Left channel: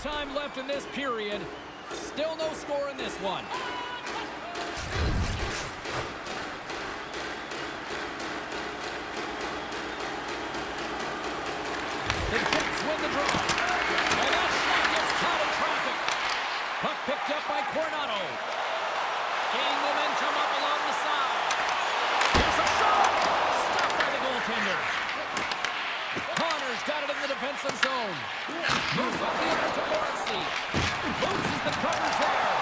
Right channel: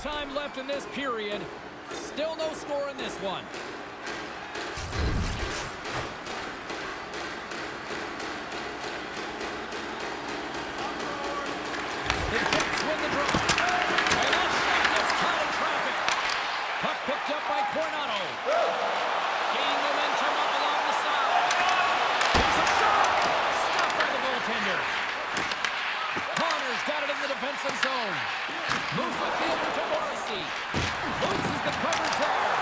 time left in this period. Still no score in this one. The Jets win the draw. And that shot gets caught in traffic. Puck picked up by Coronado. Gaining momentum up along the side. Here's a shot. Stopped by the goaltender. Connor's got it in the defensive zone. Moves quickly over to Morrissey. Loses the coverage there.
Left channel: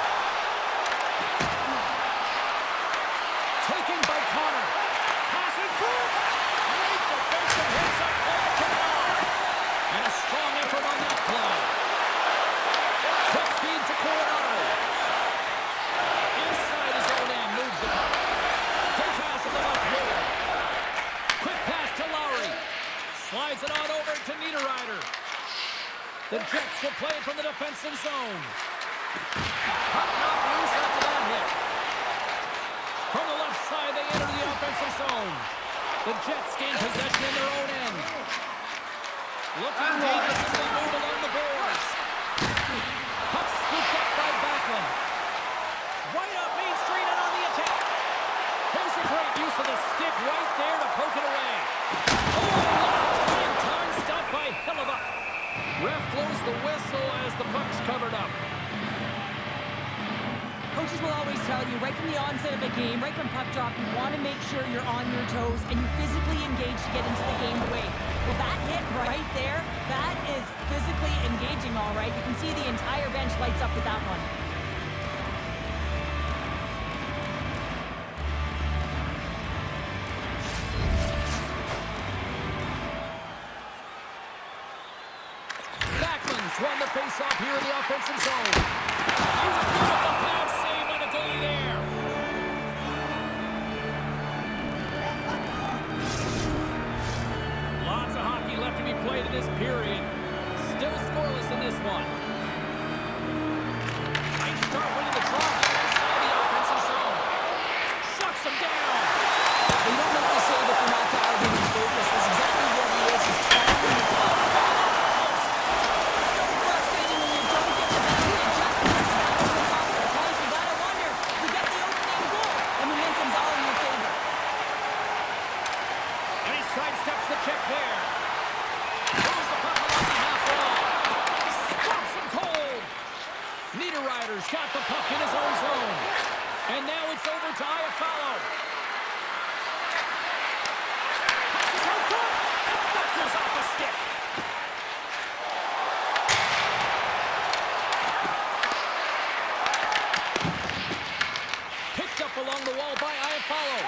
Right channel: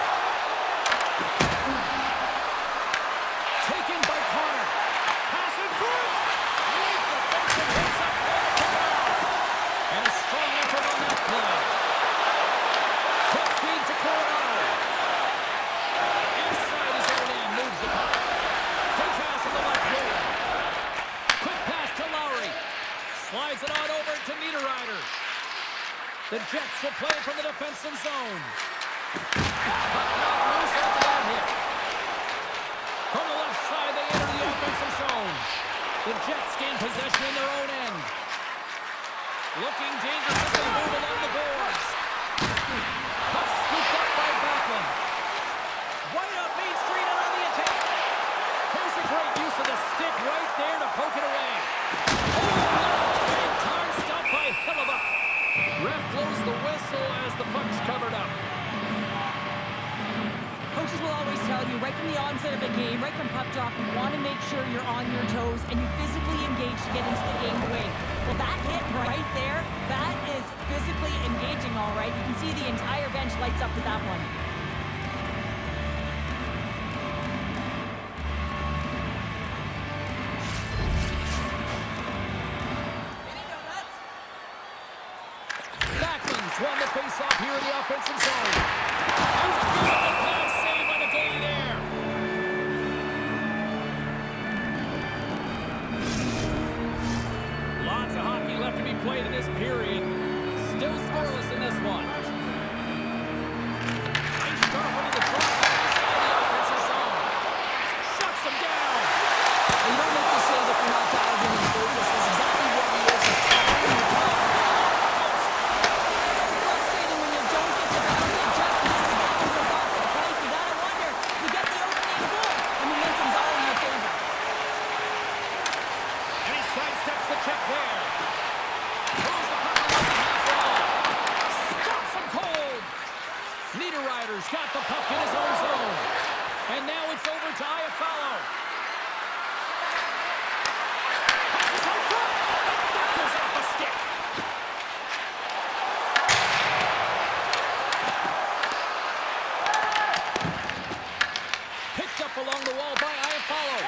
Taken by Connor. Pass in front. Great defensive hits up play to kick it off. And a strong effort on that play. Quick feed to Coronado. Inside his own end, moves the puck. Good pass on the left wing. Quick pass to Lowry. Slides it on over to Niederreiter. The Jets will play it from the defensive zone. Puck knocked loose after that hit. From the left side, they enter the offensive zone. The Jets gain possession in their own end. Looking dangerous as they move along the boards. Puck scooped up by Backlund. Right up Main Street and on the attack. Here's a great use of the stick right there to poke it away. Oh, what a big time stop by Hellebuyck. Ref blows the whistle as the puck's covered up. Coaches will always tell you, right from the onset of a game, right from puck drop, you want to make sure you're on your toes and you physically engage to get into the game away. Well, that hit right there, that is physically engaging, all right. You can see the entire bench lights up with that one. Backlund's won the face-off here in the offensive zone. That's a beautiful pass save by the goalie there. Lots of hockey left to be played in this period. Still scoreless in this one. Nice start winning the draw here inside the offensive zone. Shuts him down. You don't make the save if you're not dialed in and focused. That's exactly what he is. He's trying to so frustrating when you don't get the bounty and just misses that one goes off the pipe. You gotta wonder, you get the opening goal, and momentum's all in your favor. And he sidesteps the check there. Moves the puck along the half wall. Stops him cold. Niederreiter's got the puck in his own zone. And now it's over to Iafallo. Passes out front. And that goes off a stick. Picked up along the wall by Iafallo.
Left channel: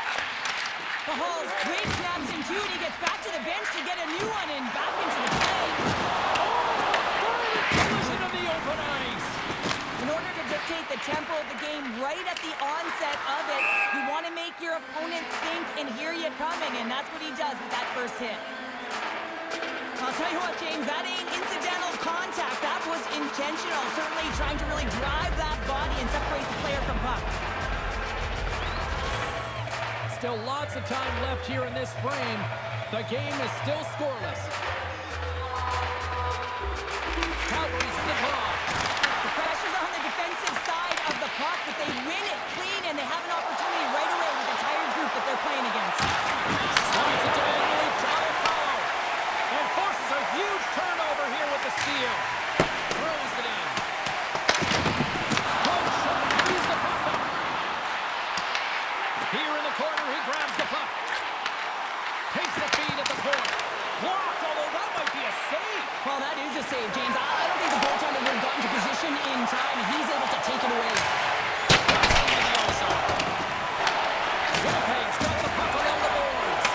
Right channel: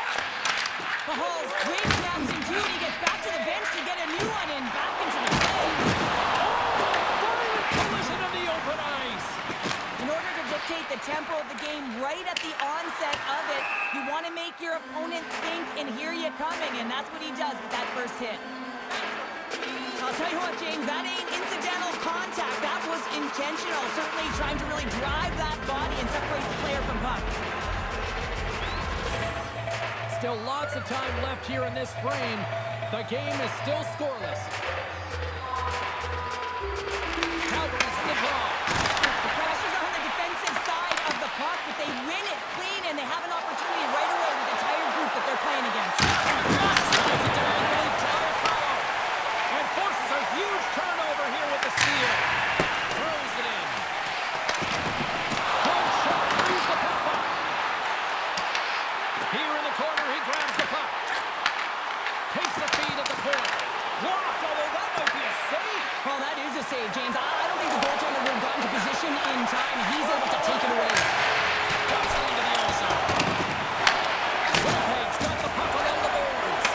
The Hall's great snaps in two, and he gets back to the bench to get a new one and back into the play. Oh, violent collision on the open ice. In order to dictate the tempo of the game right at the onset of it, you want to make your opponent think and hear you coming, and that's what he does with that first hit. I'll tell you what, James, that ain't incidental contact. That was intentional, certainly trying to really drive that body and separate the player from puck. Still lots of time left here in this frame. The game is still scoreless. Calgary's in the draw. The pressure's on the defensive side of the puck, but they win it clean, and they have an opportunity right away with the tired group that they're playing against. Slides it diagonally to Iafallo. And forces a huge turnover here with the steal. Throws it in. Good shot, frees the puck up. Here in the corner, he grabs the puck. Takes the feed at the point. Blocked, although that might be a save. Well, that is a save, James. I don't think the goaltender would have gotten to position in time. He's able to take it away. Drops into the ozone. Winnipeg's got the puck along the boards.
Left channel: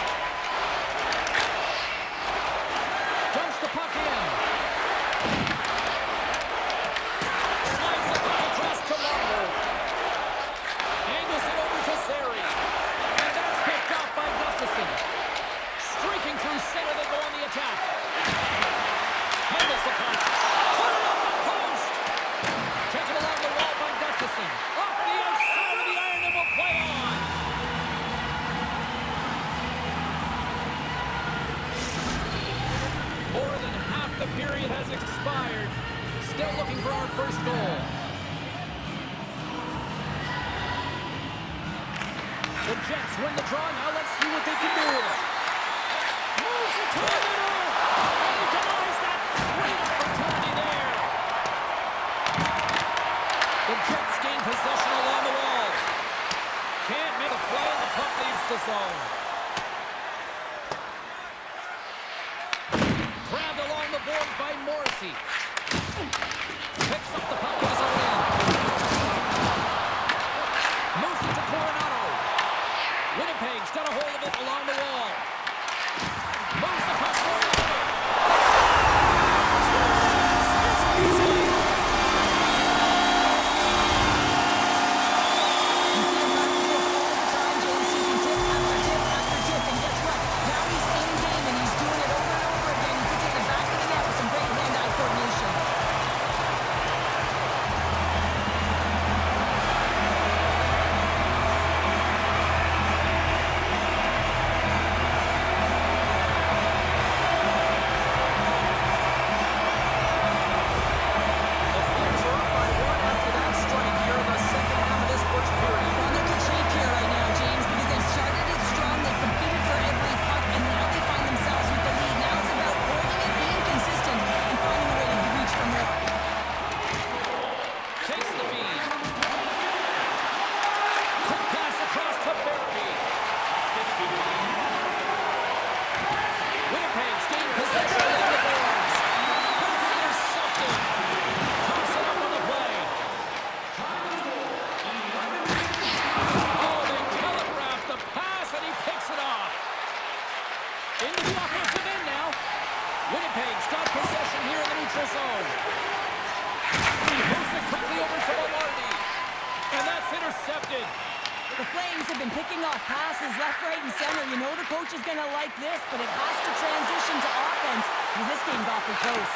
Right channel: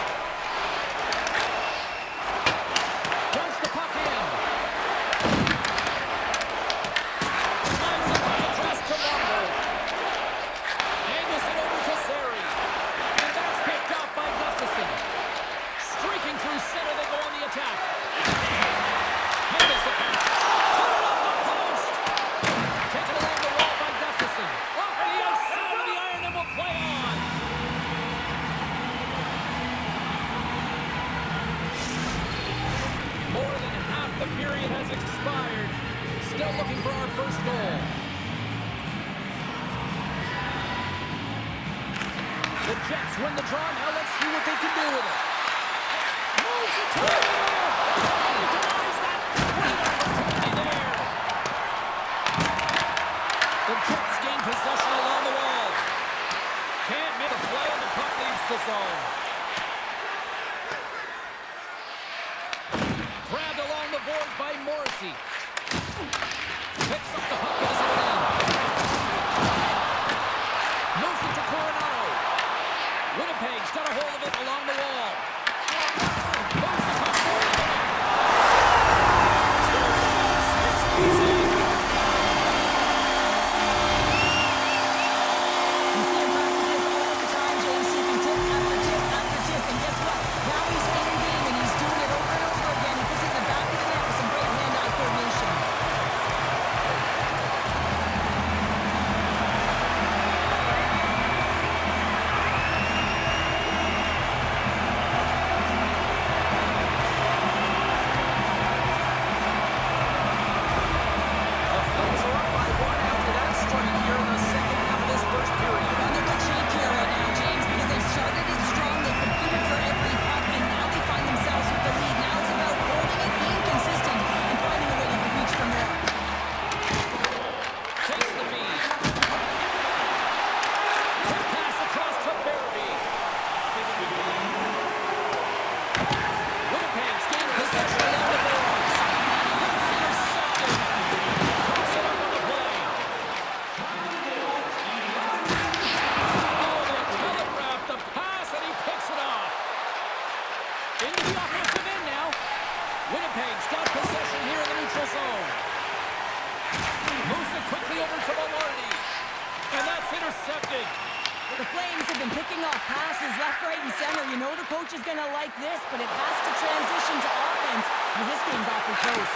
Dumps the puck in. Slides the puck across to Marvel. Angles it over to Zary. And that's picked up by Gustafsson. Streaking through center, they go on the attack. Handles the pass. Put it up the post. Taken along the wall by Gustafsson. Off the outside of the iron and will play on. More than half the period has expired. still looking for our first goal. The Jets win the draw. Now let's see what they can do with it. Moves it to the middle. And he denies that. Great opportunity there. The Jets gain possession along the wall. Can't make a play, and the puck leaves the zone. Grabbed along the board by Morrissey. Picks up the puck in his own end. Moves it to Coronado. Winnipeg's got a hold of it along the wall. Moves the puck forward. It's easy. You see him practice this all the time, James, taking tip after tip after tip. And guess what? Now he's in game, and he's doing it over and over again. He puts it in the back of the net with some great hand-eye coordination. The Flames are up by one after that strike here in the second half of this first period. Well, they're good shape here right now, James, because they started it strong. They competed for every puck, and now they find themselves with the lead. Now it's about holding it, being consistent, and finding a way to reach for more. Takes the feed. Quick pass across to Barabee. Winnipeg's gained possession along the boards. That's intercepted. Pops it up on the play. Oh, they telegraphed the pass, and he picks it off. Into the offensive end now. Winnipeg's got possession here in the neutral zone. Moves it quickly over to Velarde. And that's intercepted. The Flames have been picking off passes left, right, and center. You know the coach is going to like this, but it has to transition to offense. Well, this game's awfully close.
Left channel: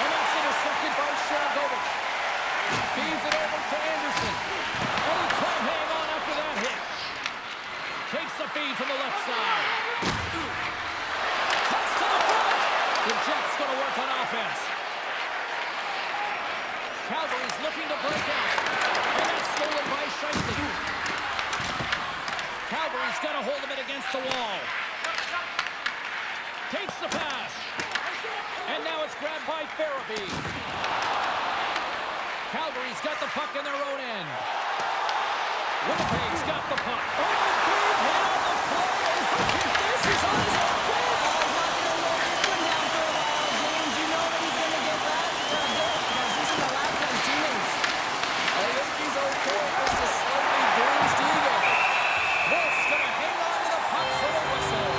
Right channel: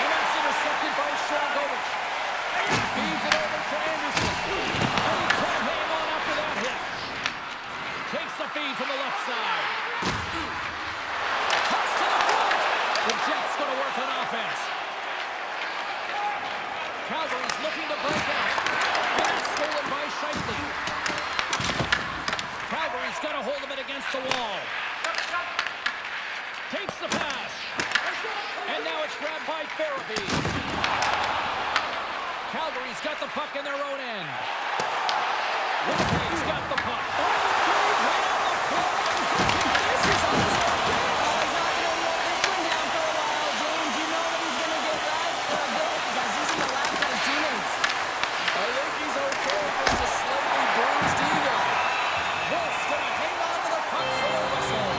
And that's intercepted by Sharangovich. Feeds it over to Anderson. And he can't hang on after that hit. Takes the feed from the left side. Cuts to the front. The Jets going to work on offense. Calgary's looking to break out. And that's stolen by Scheifele. Calgary's got a hold of it against the wall. Takes the pass. And now it's grabbed by Barabee. Calgary's got the puck in their own end. Winnipeg's got the puck. Oh, big hit on the play. And this is on his own bench. Oh, he's not going to roll this one down for a while, James. You know that he's going to get that for a bit because he's in the lap to his teammates. I think he's okay. Just a slightly bruised ego. Wolf's going to hang on to the puck for a whistle.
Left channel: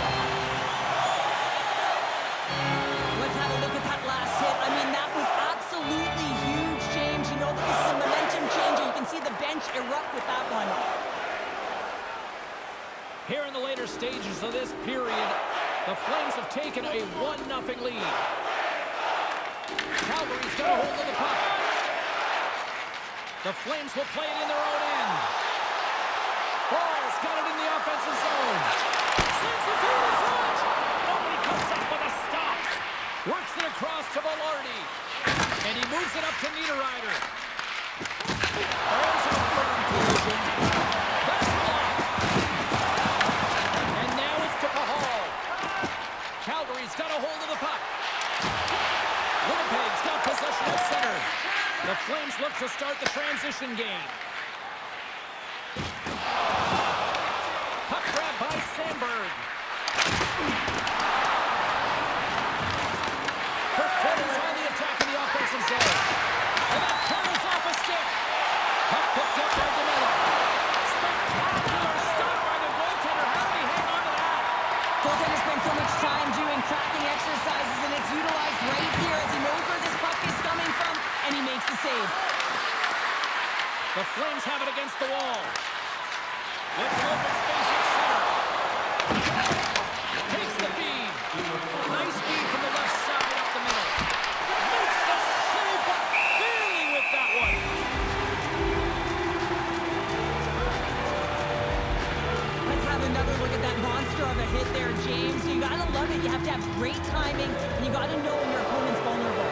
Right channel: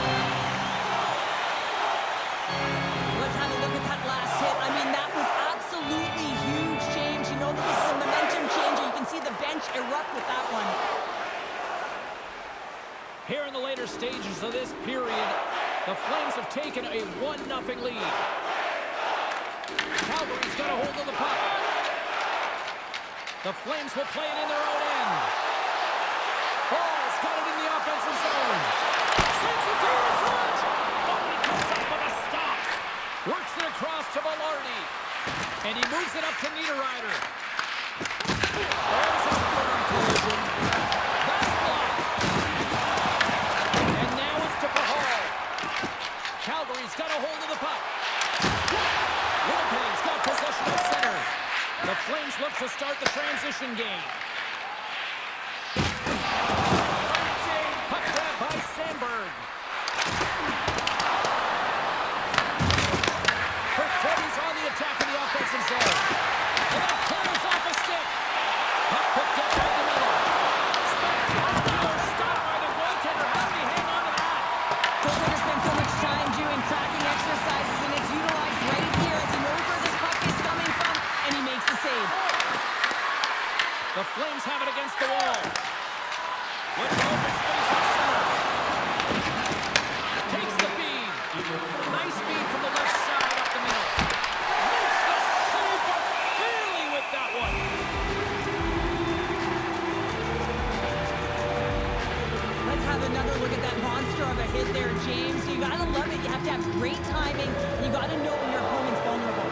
Let's have a look at that last hit. I mean, that was absolutely huge, James. You know that this is a momentum changer. You can see the bench erupt with that one. Here in the later stages of this period, the Flames have taken a 1-0 lead. Calgary's got a hold of the puck. The Flames will play it in their own end. Ball's got it in the offensive zone. Sends the feed in front. Oh, he comes up with a stop. Works it across to Velarde. And he moves it up to Niederreiter. There's a firm collision. That's blocked. And now it's to Pahal. Calgary's got a hold of the puck. Winnipeg's got possession at center. The Flames look to start the transition game. Puck grab by Sandberg. Perfetti's on the attack in the offensive zone. And that curls off a stick. Puck picked up by DeMello. Spectacular stop by the goaltender. How did he hang on to that? Goaltender spends so much time doing tracking exercises, and it's utilized right here as he knows where this puck is coming from, and he makes the save. The Flames have it against the wall. With open space at center. Takes the feed. Nice feed from the left side up the middle. Makes the save, but barely with that one. Let's have another look at that monster of a hit there, James. You gotta love it. You have to have great timing, and you gotta know when your opponent's vulnerable.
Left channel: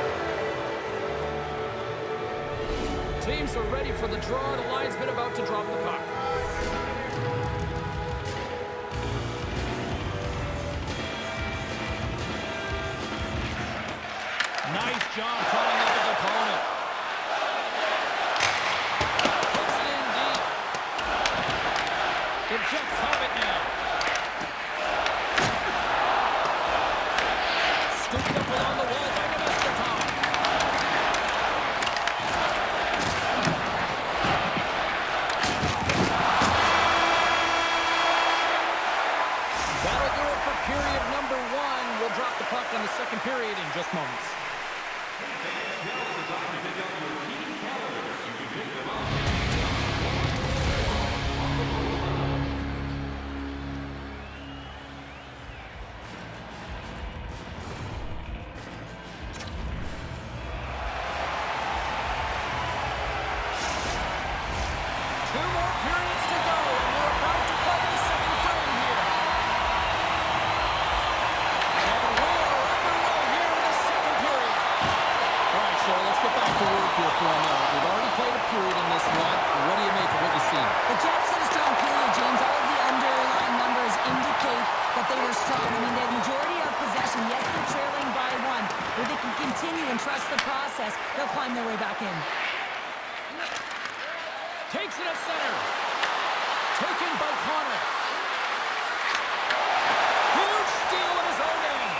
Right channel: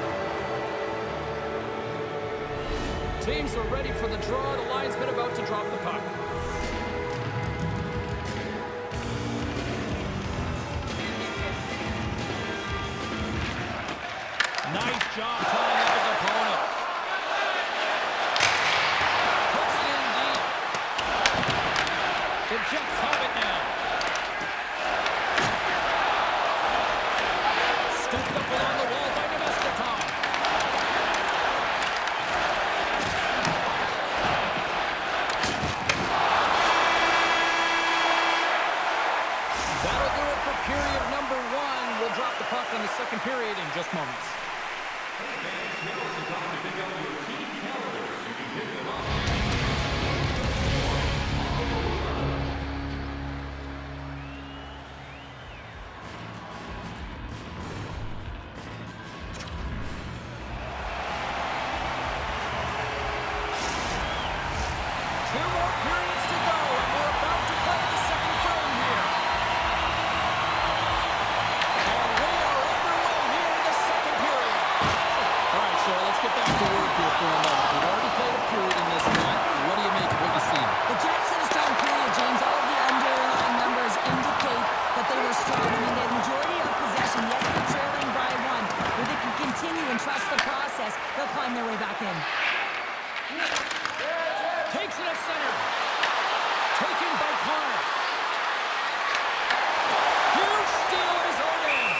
Teams are ready for the draw. The linesman about to drop the puck. Nice job tying up his opponent. Puts it in deep. The Jets have it now. Scooped up along the wall by Nemestikov. That'll do it for period number 1. We'll drop the puck on the second period in just moments. Now is the time to pick up your team calendars. You can pick them up on the lower level. Two more periods to go, and we're about to play the second frame here. And we are underway here in the second period. All right, Cheryl, let's get back to work here for a moment. We've already played a period in this one. What do you make of what you've seen? The Jets had a strong period, James. All of the underlying numbers indicate that they were strong. I mean, they had majority of possession. Yes, they're trailing by 1. But they can continue and trust the process. They'll climb their way back in. Takes it at center. Taken by Connor. Huge steal at his own end.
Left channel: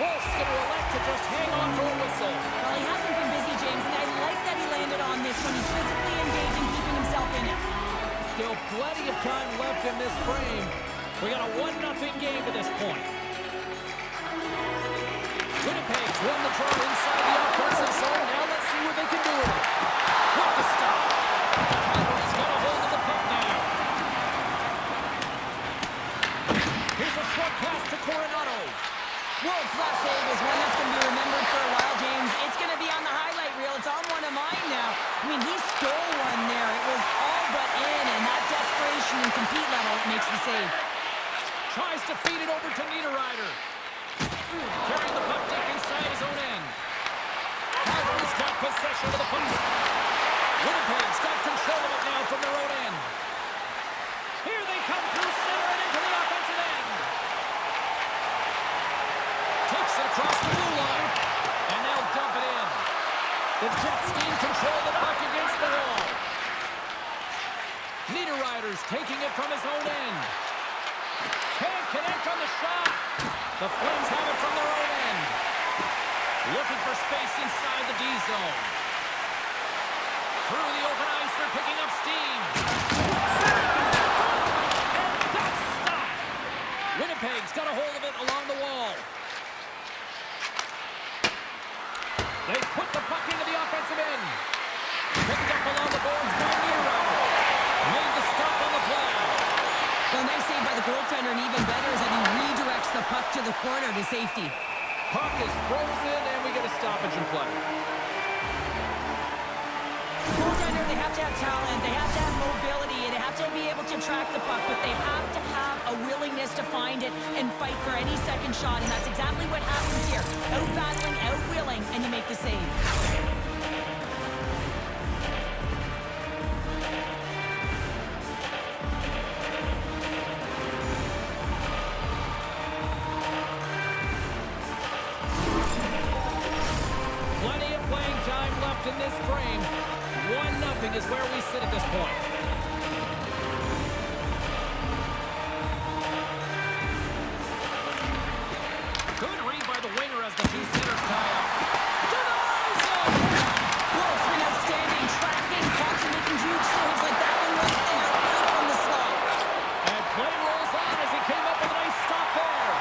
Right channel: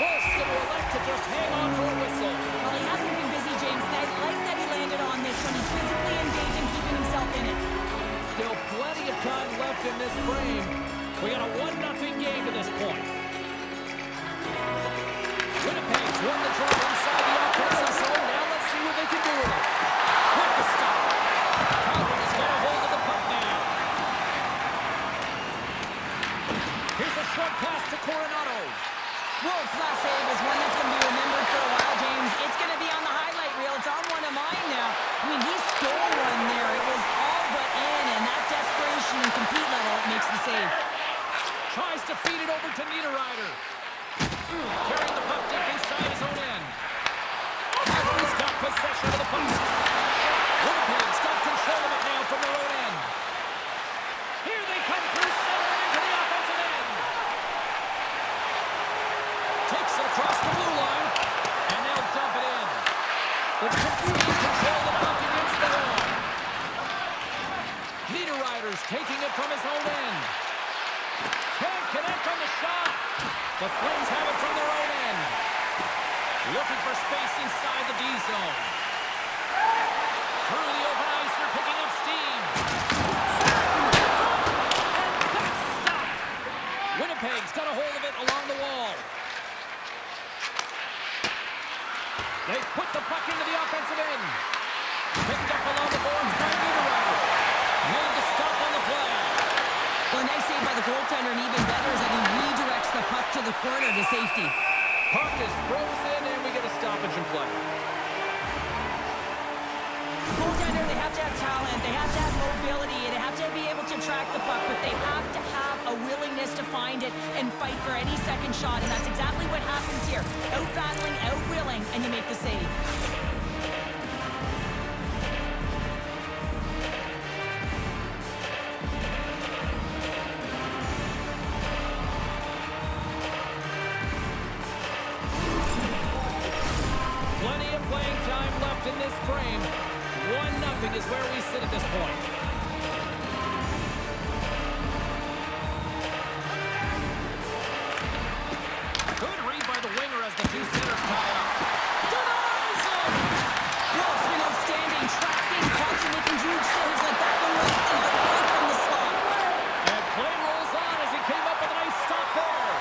Wolf's going to elect to just hang on to a whistle. Well, he hasn't been busy, James, and I like that he landed on this one. He's physically engaged and keeping himself in it. Still plenty of time left in this frame. We got a 1-0 game to this point. Winnipeg's won the draw inside the offensive zone. Now let's see what they can do with it. Quick to stop. Calgary's got a hold of the puck now. Here's a short pass to Coronado. Wolf's last save is one that's going to be remembered for a while, James. It's going to be on the highlight reel. It's on one of mine now. I mean, he stole one there. It was all but in, and that desperation and compete level makes the save. Tries to feed it over to Niederreiter. Carrying the puck deep inside his own end. Calgary's got possession of the puck. Winnipeg's got control of it now from their own end. Here they come through center and into the offensive end. Takes it across the blue line, and they'll dump it in. The Jets need control of the puck against the wall. Niederreiter's taking it from his own end. Can't connect on the shot. The Flames have it from their own end. Looking for space inside the D zone. Through the open ice, they're picking up steam. And that's stopped. Winnipeg's got a hold of it along the wall. They put the puck into the offensive end. Picked up along the boards by Niederreiter. Made the stop on the play. Well, a nice save by the goaltender, and even better is that he redirects the puck to the corner to safety. Puck is frozen, and we get a stoppage in play. Goaltender, they have to have talent, they have to have mobility, and they have to be able to track the puck, but they have to have a willingness to find it and fight for any second shot, and that's exactly what happens here. Out-battling, out-willing, and you make the save. Plenty of playing time left in this frame. 1-0 is where we sit at this point. Good read by the winger as the two centers tie up. Denies him! Wolf's been outstanding, tracking, catching, making huge saves like that one right there, right from the slot. And play rolls on as he came up with a nice stop there.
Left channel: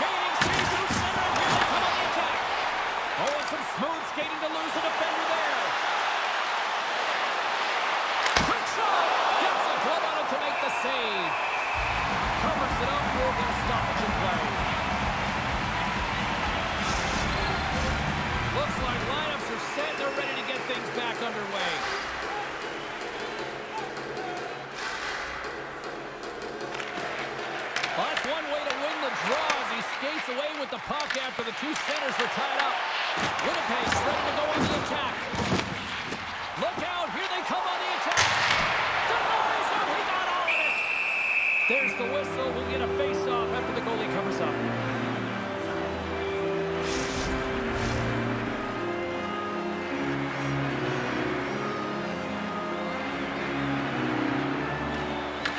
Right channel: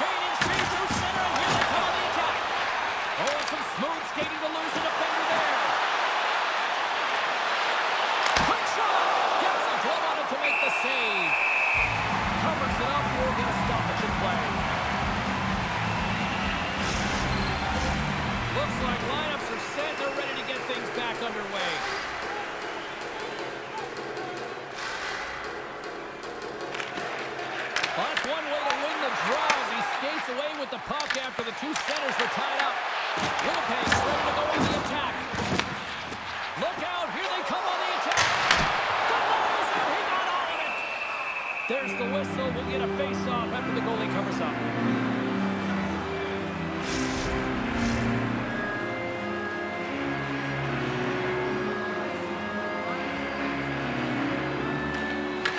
Gaining speed through center, and here they come on the attack. Oh, and some smooth skating to lose a defender there. Quick shot! Gets a glove on it to make the save. Covers it up, we'll get a stoppage in play. Looks like lineups are set. They're ready to get things back underway. Well, that's one way to win the draw as he skates away with the puck after the two centers were tied up. Winnipeg's ready to go on the attack. There's the whistle. We'll get a face-off after the goalie covers up.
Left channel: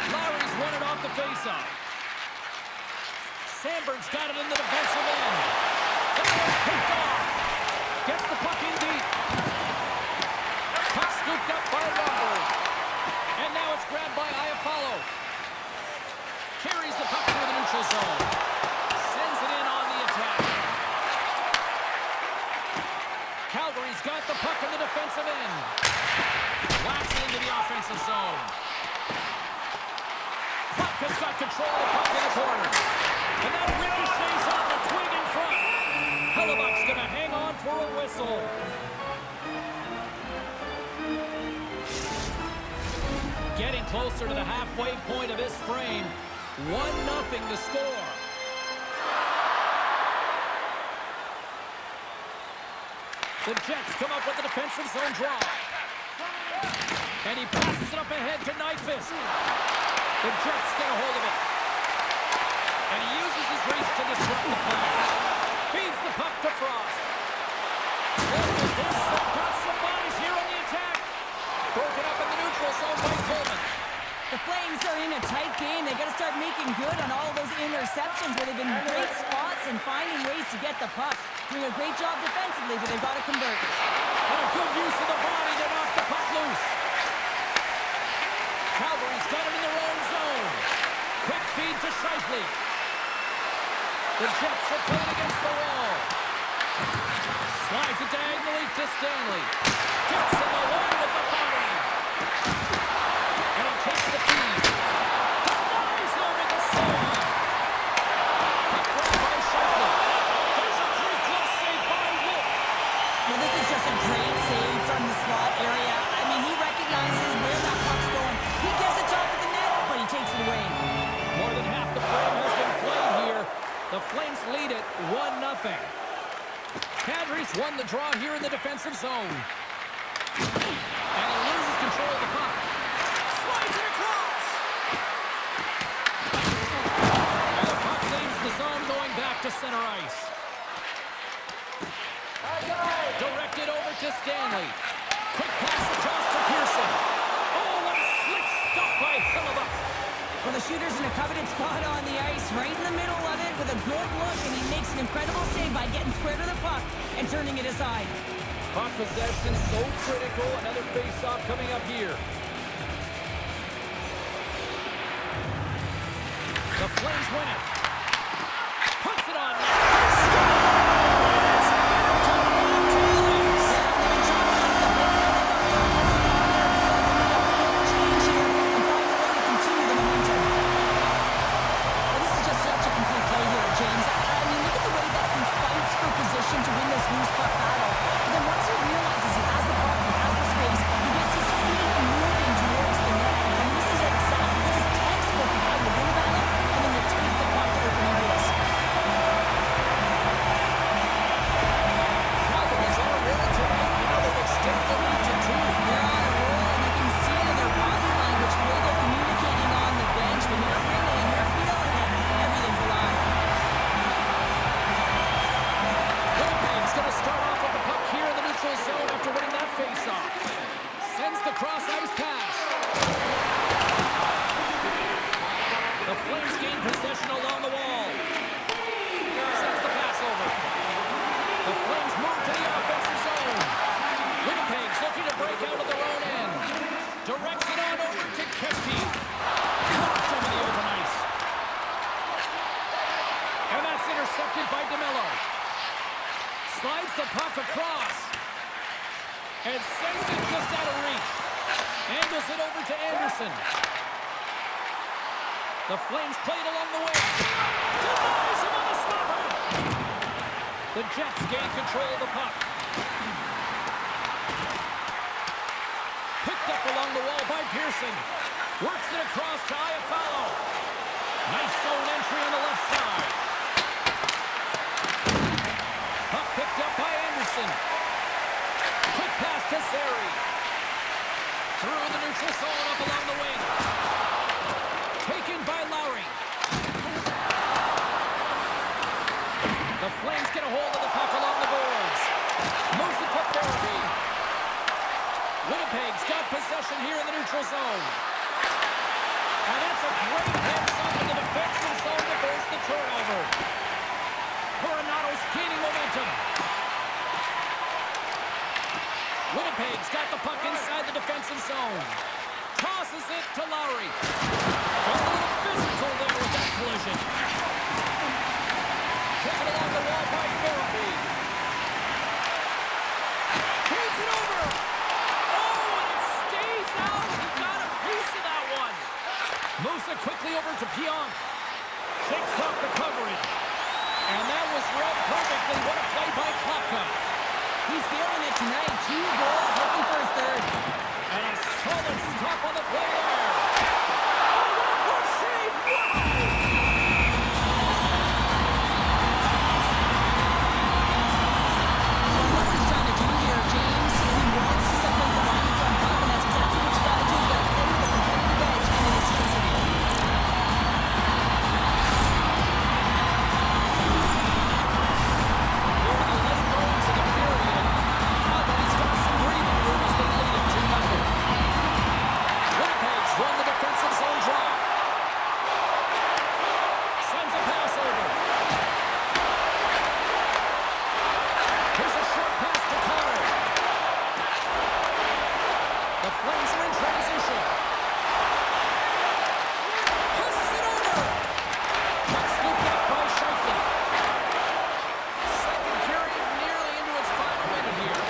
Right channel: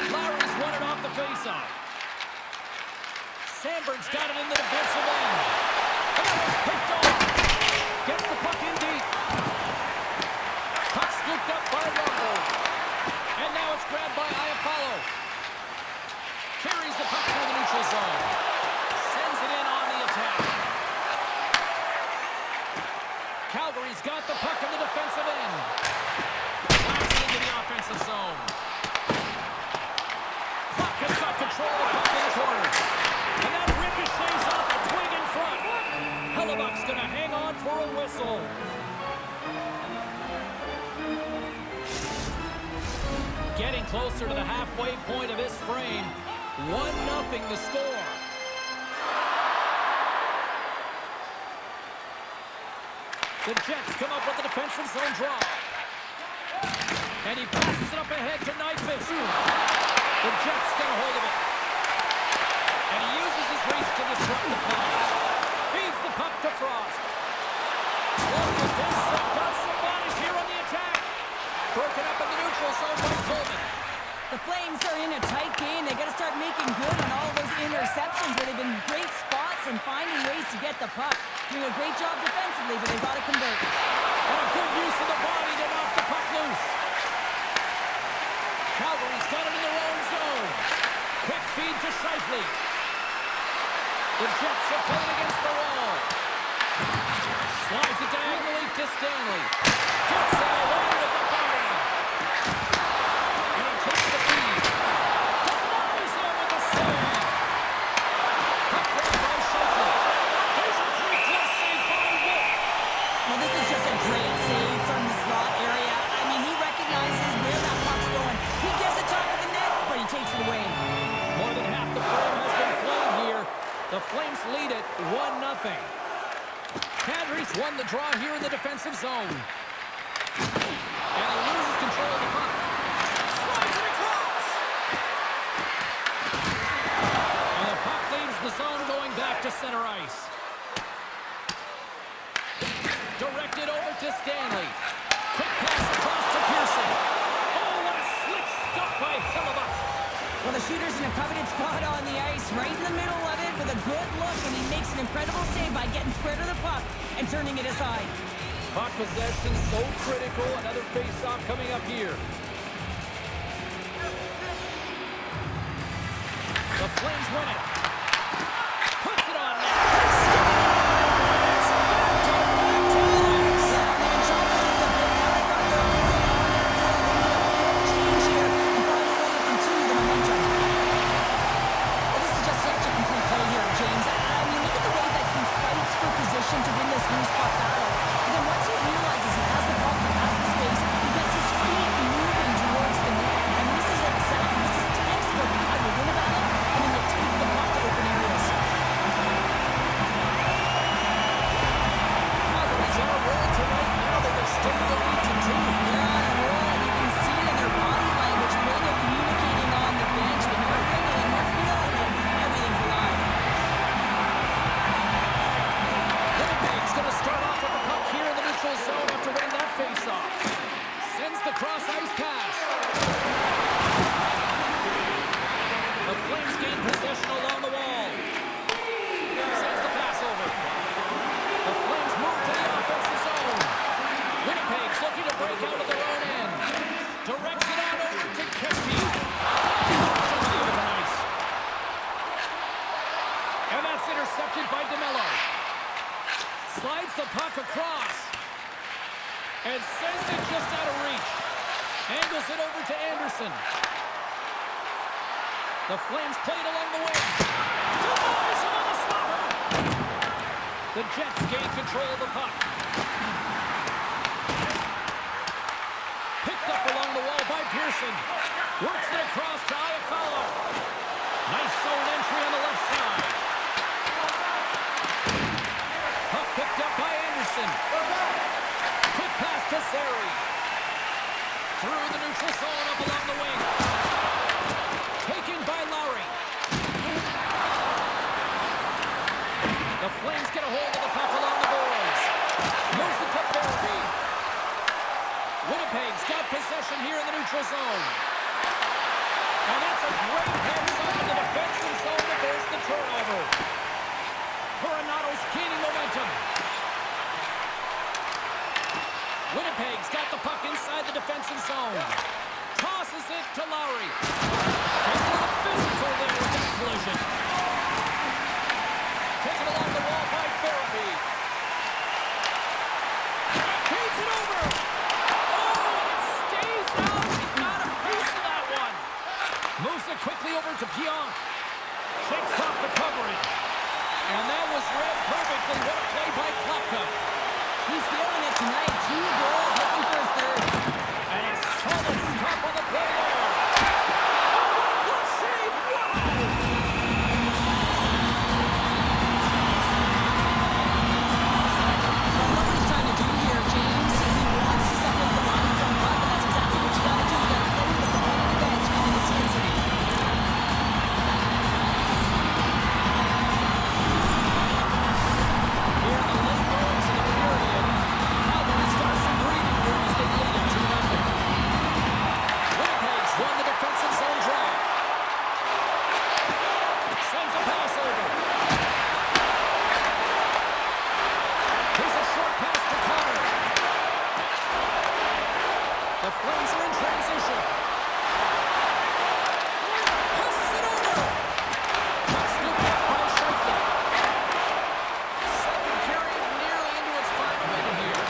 Lowry's won it off the face-off. Sandberg's got it in the defensive end. And it was picked off. Gets the puck in deep. Puck scooped up by Rumble. And now it's grabbed by Iafallo. Carries the puck through the neutral zone. Sends it in on the attack. Calgary's got the puck in the defensive end. Whacks into the offensive zone. Puck has got control of the puck in the corner. And that ricochets off a twig in front. Hellebuck's going to hang on for a whistle. Getting closer to the halfway point of this frame. 1-0 the score. The Jets come up with the defensive zone draw. And he passes it up ahead to Nyquist. The Jets get a hold of it. And he uses his reach to disrupt the play. Feeds the puck to Frost. Look at this. They've got some bodies here on the attack. Broken up in the neutral zone by Coleman. The Flames are in a tight game. They got to start making good on all of those interceptions where they've been great spots and finding ways to get the puck. Doing a great job defensively, but they've got to convert. And a good use of the body to knock the puck loose. Calgary's got it in their own zone. Quick feed to Scheifele. The Jets are playing against the wall. Slides it diagonally to Stanley. Gets him away with the body. And he takes the feed. Denies him with the save. Puck grabbed by Scheifele. There's a pretty close save by Wolf. Well, this is just a great save from the slot area. I mean, he recognizes where that puck's going. He gets it top of the net, but he takes it away. More than half the frame has been played here. The Flames lead it 1-0. Kadri's won the draw here in the defensive zone. And he loses control of the puck. Slides it across. And the puck leaves the zone going back to center ice. Directed over to Stanley. Quick pass across to Pearson. Oh, what a slick stop by Hellebuck. Well, the shooter's in a coveted spot on the ice, right in the middle of it with a good look, and he makes an incredible save by getting square to the puck and turning it aside. Puck possession so critical. Another face-off coming up here. The Flames win it. Puts it on net. It's back to back talents. Yeah, they've been chopping up the bit. Now they've got their own on their field. They need a big change here and find a way to continue the momentum. Well, this is just such a complete play here, James. I mean, look at the way that he fights for position to win this loose puck battle. And then once he realizes he has the puck, he has the space, he gets his feet moving towards the net. And this is textbook how you win a battle and then you take the puck to open areas. Calgary's on a roll tonight. Now they've extended the lead to 2. They're on a roll, and you can see it in their body language, the way they're communicating on the bench. When you're ringing and you're feeling it, everything's alive. Winnipeg's going to start off with the puck here in the neutral zone after winning that face-off. Sends the cross-ice pass. The Flames gain possession along the wall. Sends the pass over. The Flames move to the offensive zone. Winnipeg's looking to break out of their own end. Directs it on over to Kesky. Knocked over the open ice. And that's intercepted by DeMello. Slides the puck across. And sends it just out of reach. Angles it over to Anderson. The Flames played along the wing. Denies him on the stopper. The Jets gain control of the puck. Picked up along the wall by Pearson. Works it across to Iafallo. Nice zone entry on the left side. Puck picked up by Anderson. Quick pass to Zary. Through the neutral zone up along the wing. Taken by Lowry. The Flames get a hold of the puck along the boards. Moves it to Therapy. Winnipeg's got possession here in the neutral zone. And that's a great heads-up in the defensive zone to force the turnover. Coronato's gaining momentum. Winnipeg's got the puck inside the defensive zone. Tosses it to Lowry. Gets a little physical there with that collision. Taken along the wall by Therapy. Feeds it over. Oh, and it stays out. He got a piece of that one. Moves it quickly over to Pionk. Shakes off the coverage. And that was read perfectly. What a play by Klapka. He's feeling it tonight. 2 goals, looking for his third. And a solid stop on the play there. Oh, what a good save. Wow. Well, what he's trying to do here, James, he wants to separate the line from puck, and that's exactly what you got to do. You got to play with a competitive edge and an intensity. Here in the late goings of the period, Calgary's got some breathing room as they lead it 2-0. Winnipeg's won the defensive zone draw. Sends a pass over. Here's a short pass to Connor. The Flames are in transition. Passes it over. Puck scooped up by Scheifele. Second period nearly into its final minute here.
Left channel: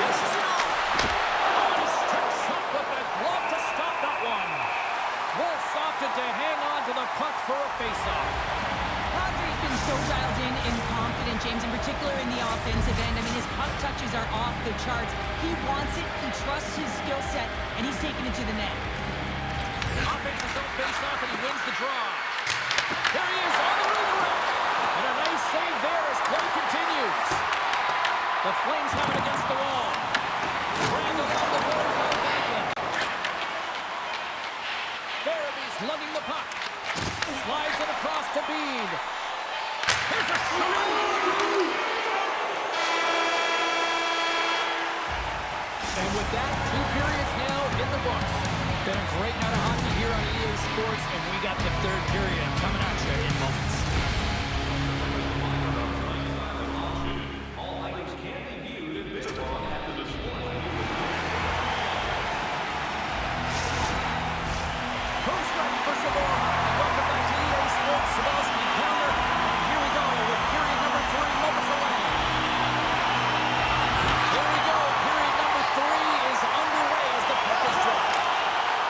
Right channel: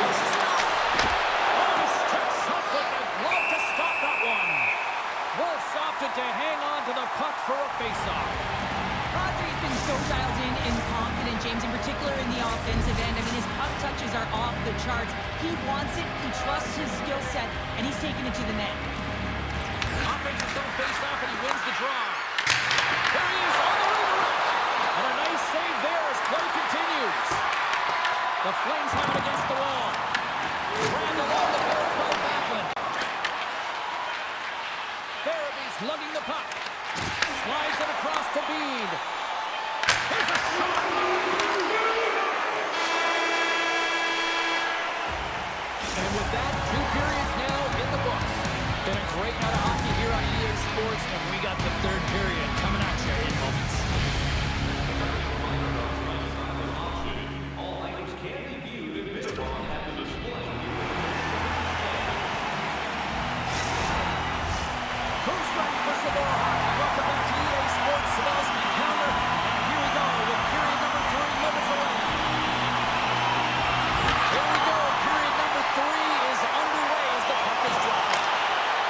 Dishes it off. Oh, he steps up with the glove to stop that one. Wolves opted to hang on to the puck for a face-off. Kadri's been so dialed in and confident, James, in particular in the offensive end. I mean, his puck touches are off the charts. He wants it, he trusts his skill set, and he's taking it to the net. Offensive zone face-off, and he wins the draw. There he is on the redirect. And a nice save there as play continues. The Flames have it against the wall. Grabbed along the board by Backlund. Farabee's lugging the puck. Slides it across to Bede. Here's a shot. And with that, 2 periods now in the books. Been a great night of hockey here on EA Sports, and we got the 3rd period coming at you in moments. All items can be viewed and bid upon at the display. Who's ready for some more hockey? Welcome back to EA Sports. Sabalski counter. And here we go with period number 3 moments away. Here we go. Period number 3 is underway as the puck is dropped.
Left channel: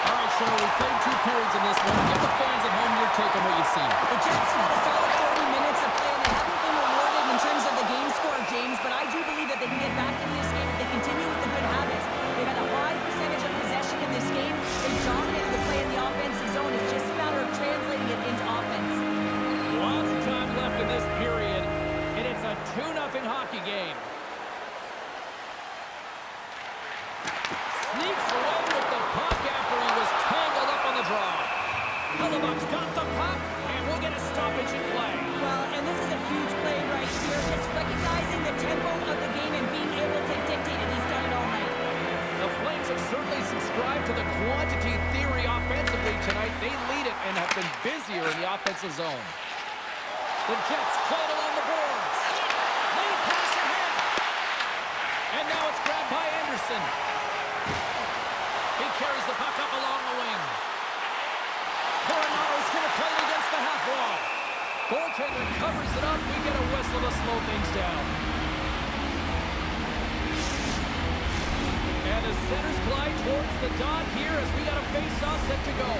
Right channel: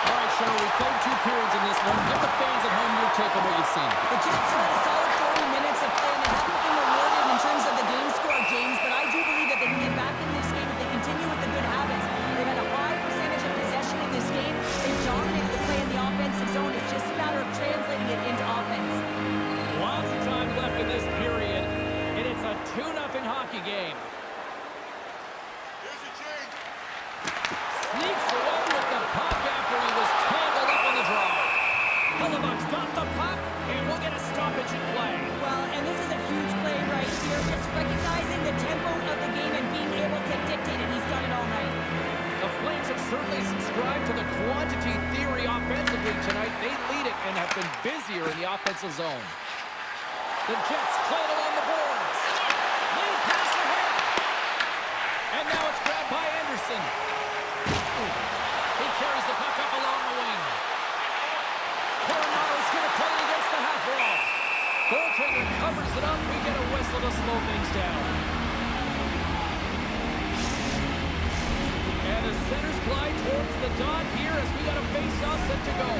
All right, Cheryl, we played 2 periods in this one. Give the fans at home your take on what you've seen. The Jets have had a solid 40 minutes of play, and they haven't been rewarded in terms of the game score, James, but I do believe that they can get back in this game if they continue with the good habits. They've had a high percentage of possession in this game. They've dominated the play in the offensive zone. It's just a matter of translating it into offense. Lots of time left in this period, and it's a 2-0 hockey game. Sneaks away with the puck after he was tangled up on the draw. Hellebuck's got the puck, and we'll get a stoppage in play. Well, and this is a huge play right here, just recognizing the tempo of the game and being able to dictate it. He's done it all night. The Flames have certainly subscribed to the quantity theory offensively tonight. They lead it and have been busier in the offensive zone. The Jets play it along the boards. Lead pass ahead. And now it's grabbed by Anderson. He carries the puck up along the wing. Coronato's going to play it against the half wall. Goaltender covers it up. We get a whistle to slow things down. And the centers glide towards the dot here as we got a face-off set to go.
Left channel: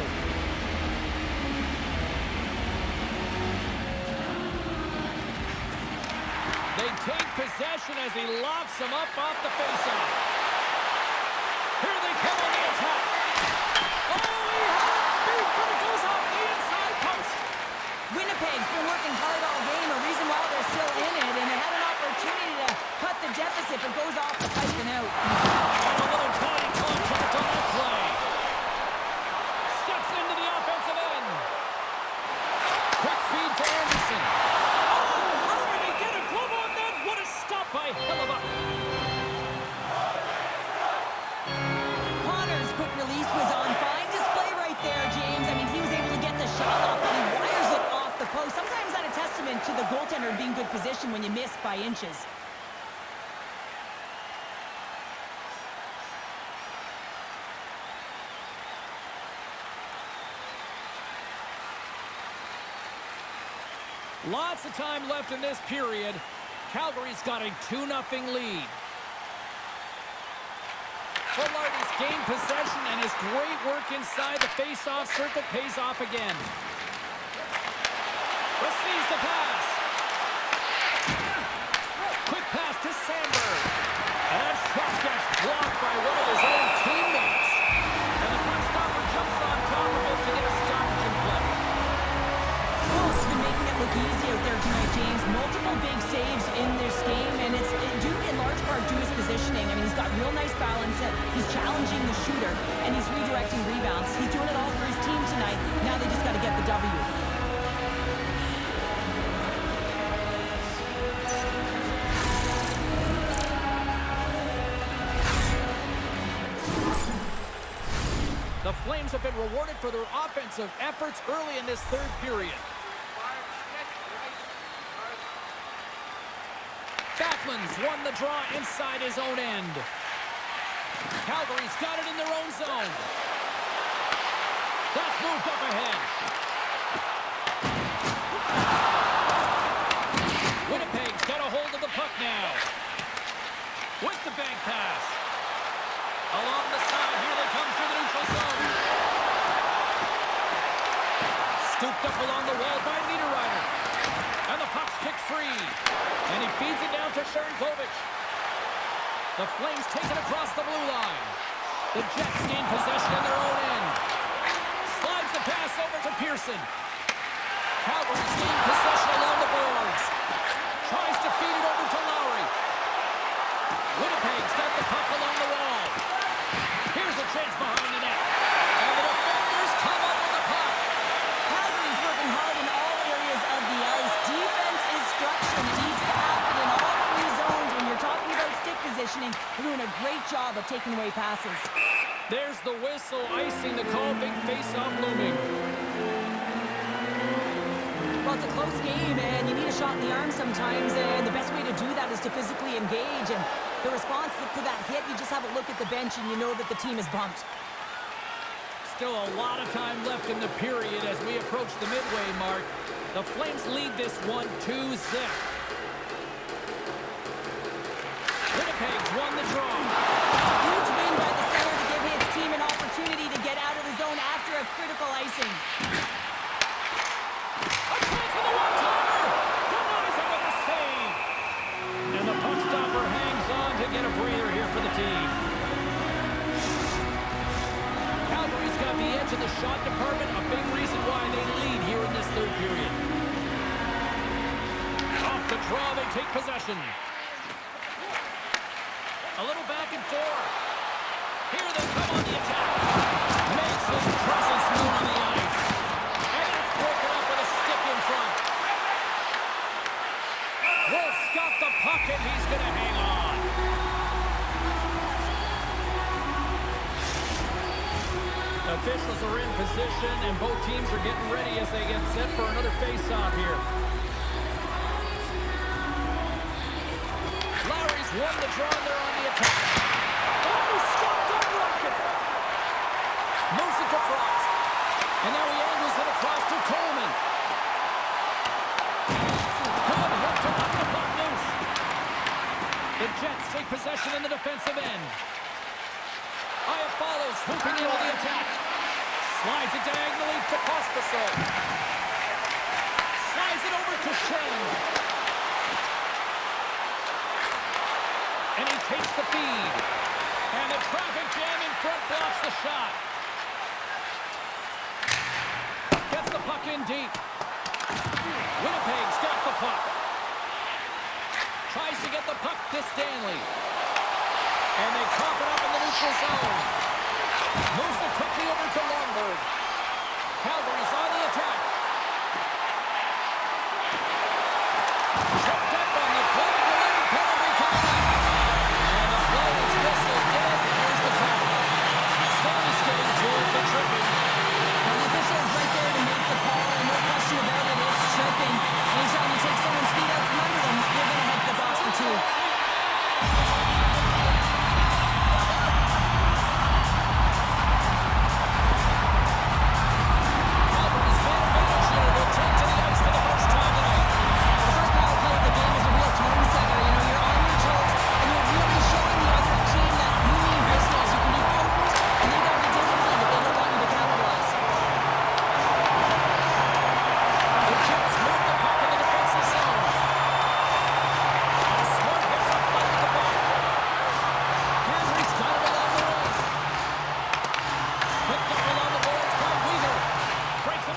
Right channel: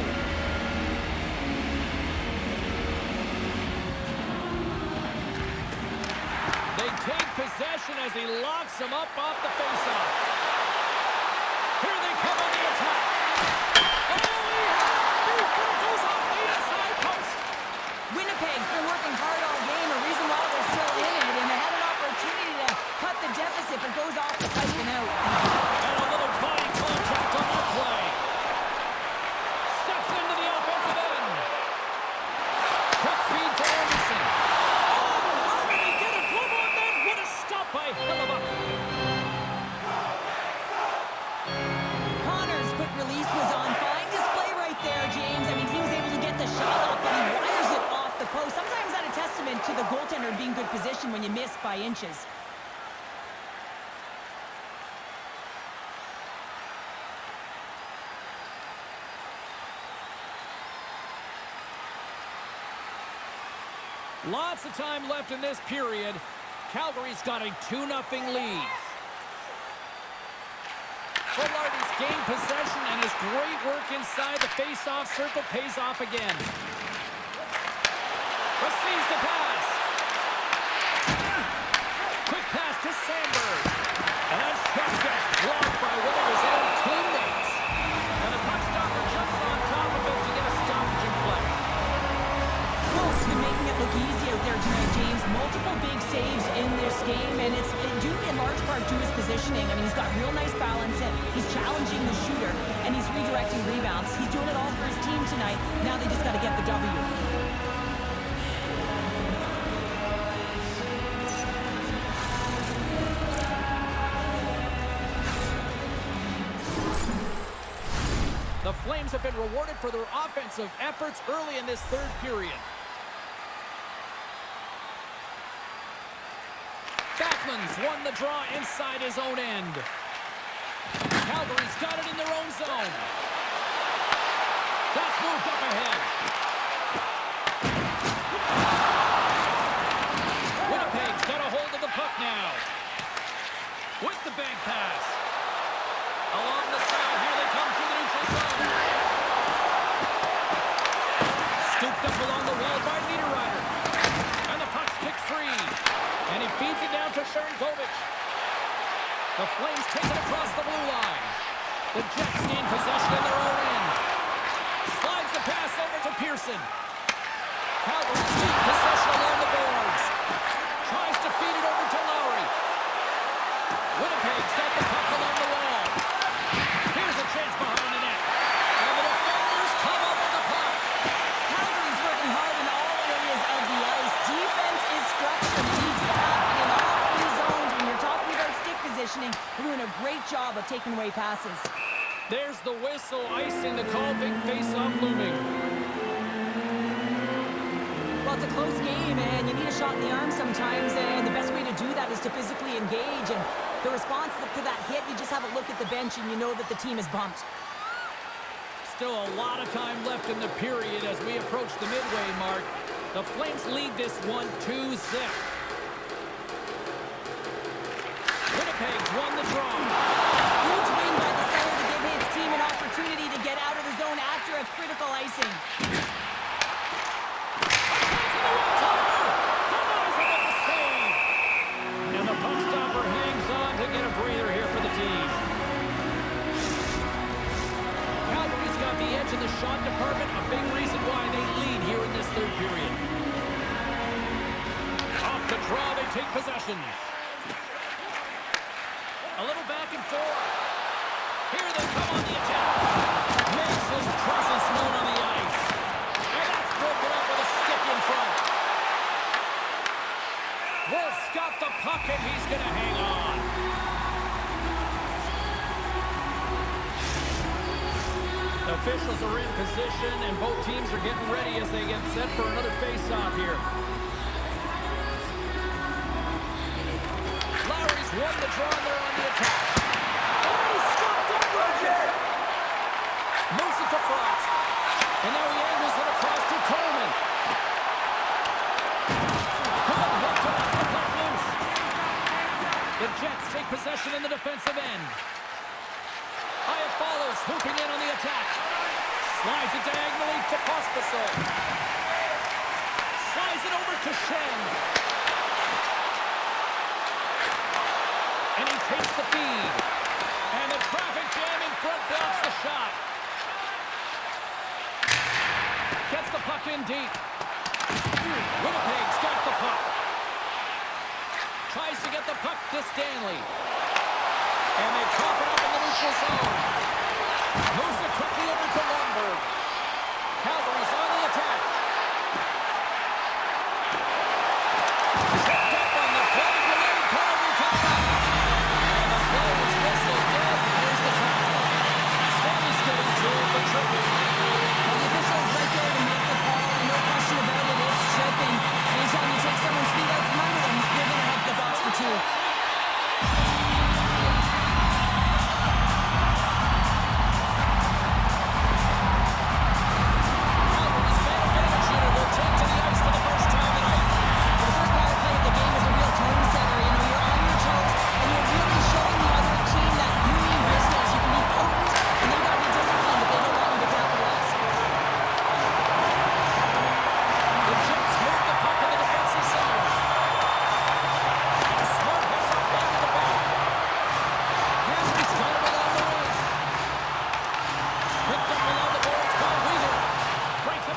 They take possession as he locks them up off the face-off. Here they come on the attack. Oh, he had a beat, but it goes off the inside post. Winnipeg's been working hard all game, a reason why they're still in it, and they had an opportunity to cut the deficit, but goes off the pipe and out. And a little body contact on that play. Steps into the offensive end. Quick feed to Anderson. Oh, testament to the goaltender being good position when you miss by inches. Lots of time left in this period. Calgary's got a 2-0 lead. Fulardi's gained possession, and his great work inside the face-off circle pays off again. Receives the pass. Quick pass to Sandberg. And that shot gets blocked by one of his own teammates. And the puck stopper jumps on top of it to get a stoppage in play. Wolf's been making it look easy out there tonight, James. Multiple big saves in this game, and it's due in large part to his positioning. I mean, he's got real nice balance. He's challenging the shooter, and he's redirecting rebounds. He's doing it all for his team tonight. Now they just got to get the W. The Flames have been rewarded for their offensive efforts early in this third period. Backlund's won the draw inside his own end. Calgary's got it in their own zone. That's moved up ahead. Winnipeg's got a hold of the puck now. With the bank pass. Along the side, here they come through the neutral zone. Scooped up along the wall by Niederreiter. And the puck's kicked free. And he feeds it down to Sharangovich. The Flames take it across the blue line. The Jets gain possession in their own end. Slides the pass over to Pearson. Calgary's gain possession along the boards. Tries to feed it over to Lowry. Winnipeg's got the puck along the wall. Here's a chance behind the net. And the defenders come up with the puck. Calgary's working hard in all areas of the ice. Defense is structured. It needs to happen in all three zones. When you're talking about stick positioning, they're doing a great job of taking away passes. There's the whistle, icing the call, big face-off looming. Well, it's a close game, and you need a shot in the arm sometimes, and the best way to do that is to physically engage. And the response to that hit, you just have a look at the bench, and you know that the team is bumped. Still a lot of time left in the period as we approach the midway mark. The Flames lead this one 2-0. Winnipeg's won the draw. Huge win by the center to give his team an opportunity to get out of the zone after a critical icing. A chance for the one-timer! Denies him with the save! And the puck stopper hangs on to get a breather here for the team. Calgary's got the edge in the shot department, a big reason why they lead here in this third period. Off the draw, they take possession. A little back and forth. Here they come on the attack. Makes his presence known on the ice. And that's broken up with a stick in front. Wolf's got the puck and he's going to hang on. Officials are in position and both teams are getting ready as they get set for another face-off here. Lowry's won the draw and they're on the attack. Oh, he stopped up right there. Moves it to Frost. And now he angles it across to Coleman. Good hit to knock the puck loose. The Jets take possession in the defensive end. Aya follows, swooping in on the attack. Slides it diagonally to Pospisil. Slides it over to Shen. And he takes the feed. And the traffic jam in front blocks the shot. Gets the puck in deep. Winnipeg's got the puck. Tries to get the puck to Stanley. And they cough it up in the neutral zone. Moves it quickly over to Lundberg. Calgary's on the attack. Tripped up on the play. Delayed penalty coming up. And the play is whistled dead. Here's the call. Stanley's getting to it for tripping. Well, the official is right there to make the call, and no question about it, it's tripping. Anytime you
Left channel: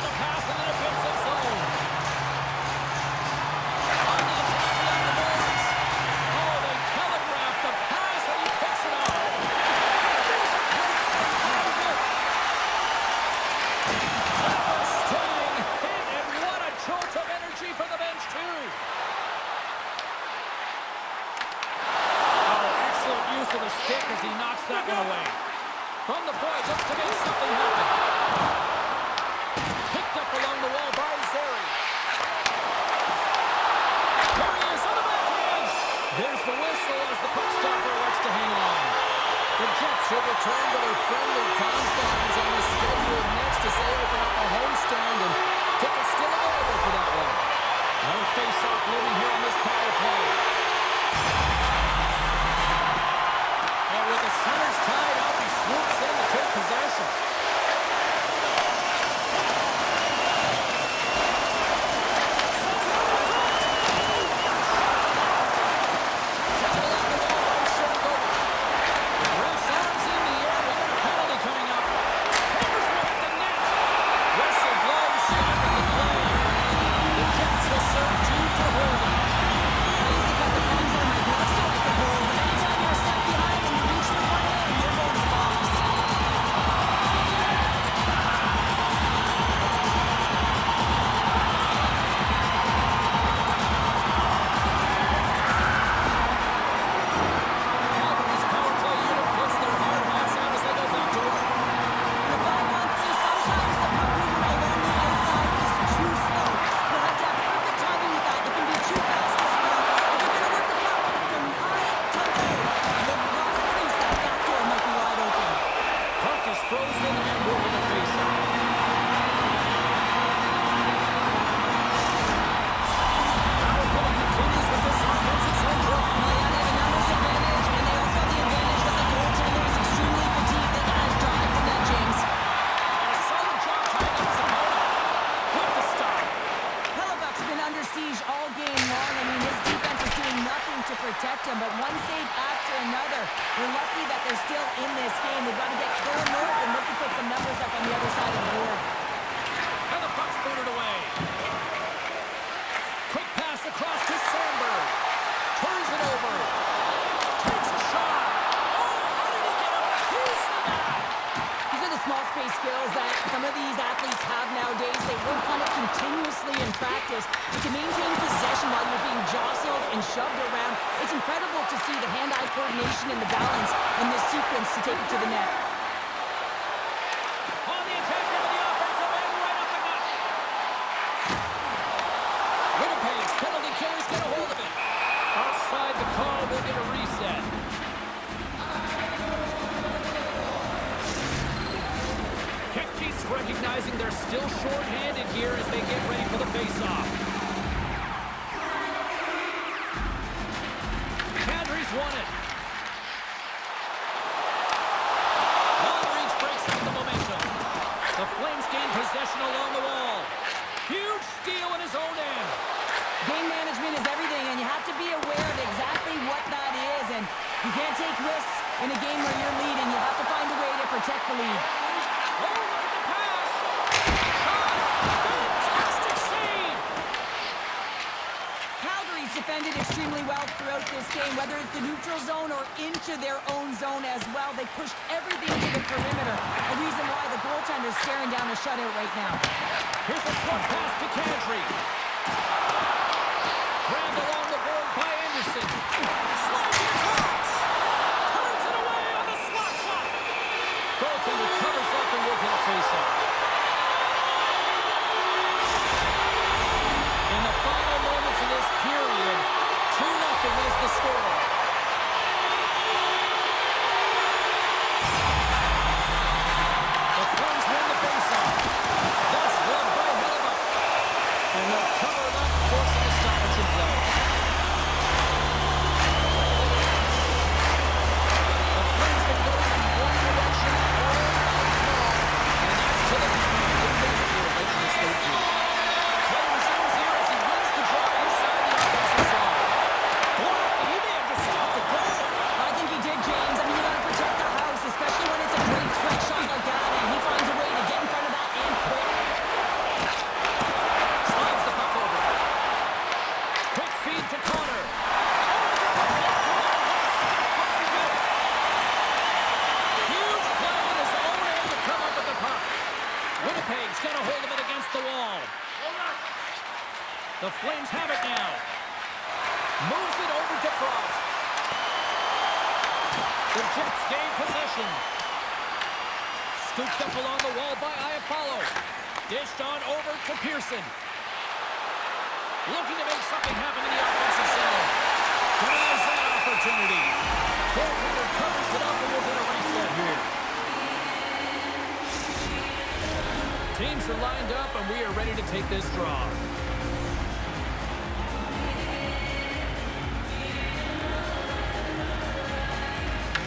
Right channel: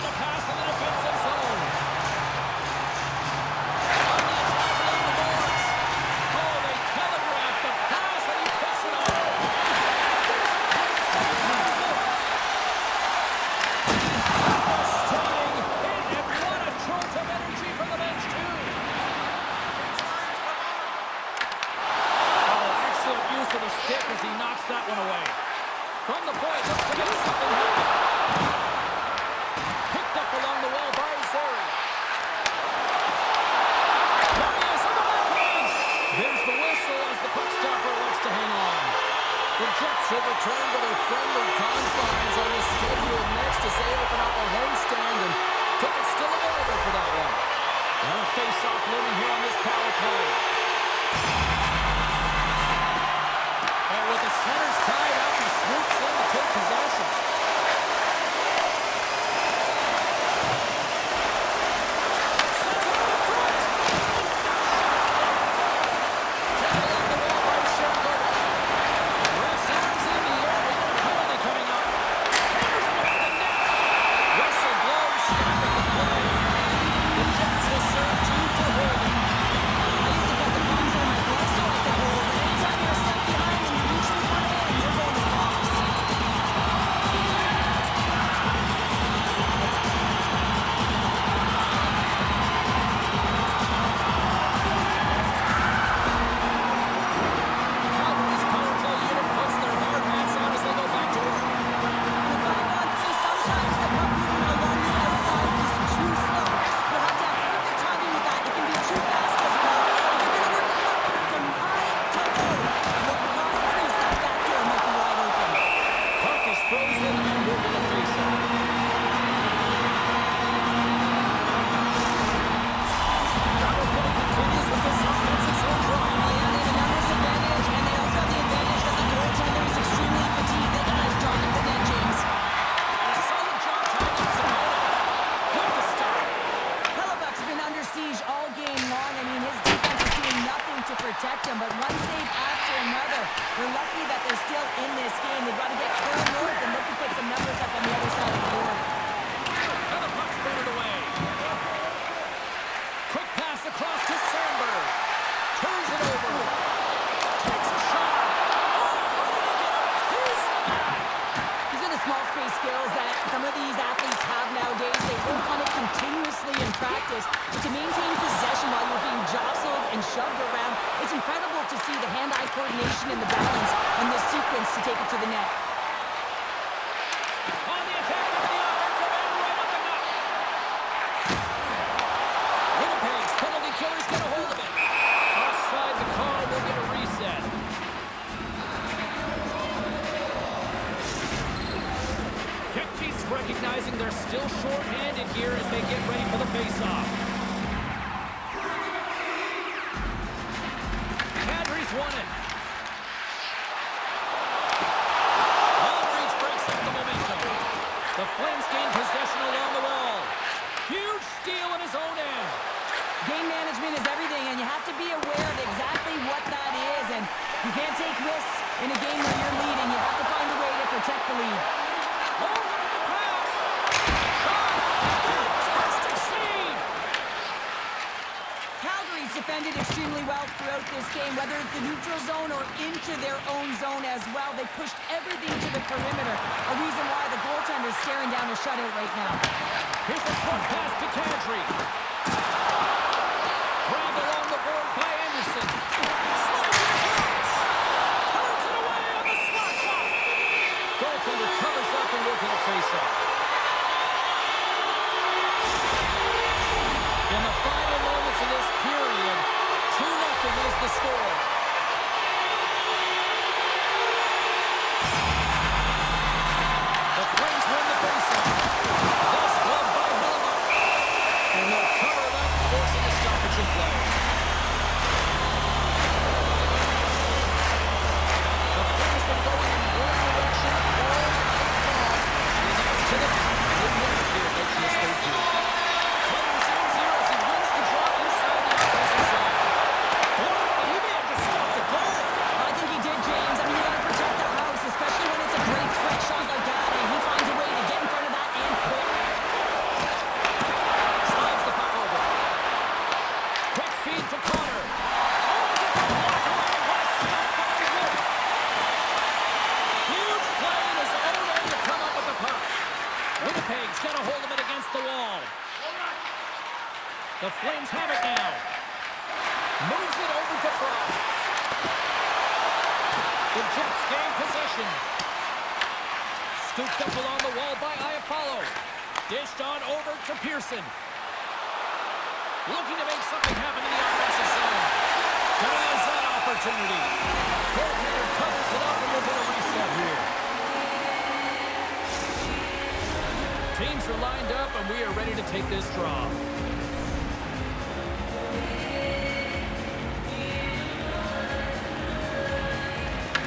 the pass in the defensive zone. On the attack along the boards. Oh, they telegraphed the pass, and he picks it up. There's a great save by Wolf. Devastating hit, and what a jolt of energy from the bench, too. Oh, excellent use of the stick as he knocks that one away. From the point, looks to make something happen. Picked up along the wall by Zary. There he is on the backhand. There's the whistle as the puck stopper elects to hang on. The Jets will return to their friendly confines on the schedule next as they open up a homestand, and tickets still available for that one. Another face-off looming here on this power play. And with the centers tied up, he swoops in to take possession. Sends it over front. Taken along the wall by Shergovic. Ref's arms in the air. We got a penalty coming up. Hammers him off the net. Whistle blows, stopping the play. The Jets will serve 2 for holding. I used to cut the palms out of my glove so I could hold, but anytime you're a step behind and you reach with one hand, you're going to the box. Calgary's power play unit puts their hard hats on as they go back to work. In a 5-on-3, sometimes the puck movement along the outside is too slow. You'll have to have perfect timing with that. It can be too fast as well. If you're going to work the puck from high to low, look across the crease, that back door might be wide open. Puck is frozen and we're going to face off. Power play continues with this offensive zone draw. Well, yeah, they have a numbers advantage, and they also have the advantage that the goaltender is extremely fatigued. They can drive the net, James. And a solid job tying up his opponent. With the stop. Hellebuck's been under siege all game long. I mean, his defense is doing nothing to protect him, but one save after another. They're lucky that they're still in this game. They've got to get going north and look to put some numbers up on the other side of the board. And the puck's booted away. Quick pass across to Sandberg. Turns it over. Takes a shot. Oh, how did he get a piece of that? These are the small space skills that some of these athletes have nowadays. They work on it continuously in practice. But to maintain possession while you're being jostled and shoved around, it's incredible to see the hand-eye coordination and the balance in this sequence to take it to the net. On the attack into the offensive end, right up the gut. Winnipeg's penalty killers get a hold of it. Offside the call, will get a reset. Kekke's recognizing they're still short-handed here as they get ready for the face-off. Kadri's won it. Long reach breaks up the momentum. The Flames gain possession along the wall. Huge steal in his own end. Game management is everything, and you have to be aware of exactly what that is. And you can't take risks in a game where you're leading. You have to find a way to protect the lead. Oh, look at the pass. Shot. Fantastic save. Calgary's defended extremely well throughout this game, whether it's the neutral zone or into their own zone as well. They pushed everything to the perimeter, a reason why the goaltender's staring down a shutout right now. Here's a front pass to Kadri. Grabbed along the board by Anderson. Slides it across. Turns it away on the slot shot. Goaltender covers up and will get a face-off. In the final moments of this period, 2-0 is the score. The Flames win the face-off. That's gloved by Hellebuck. And they'll cover it up, forcing a stoppage in play. The Flames been going in one direction all night long, and that's to the net. They win it here, don't you? Yes, they do. Play resumes here as he wins the draw inside the offensive zone. Blocked, and he may have just stopped the goal. I think he did, James. I mean, you got to protect the house, especially when it's a great threat shot like that, and he finds a way to get in front of that and quick. The Flames have it now. Moves it over to Frost. The Jets gain possession. Scooped up along the wall by Iafallo. Dished on over to Pearson. Looking to make something happen in the offensive zone. Denies that opportunity. Goaltender covers it up and we'll get a reset here. Teams are lined up and we are ready to take this draw.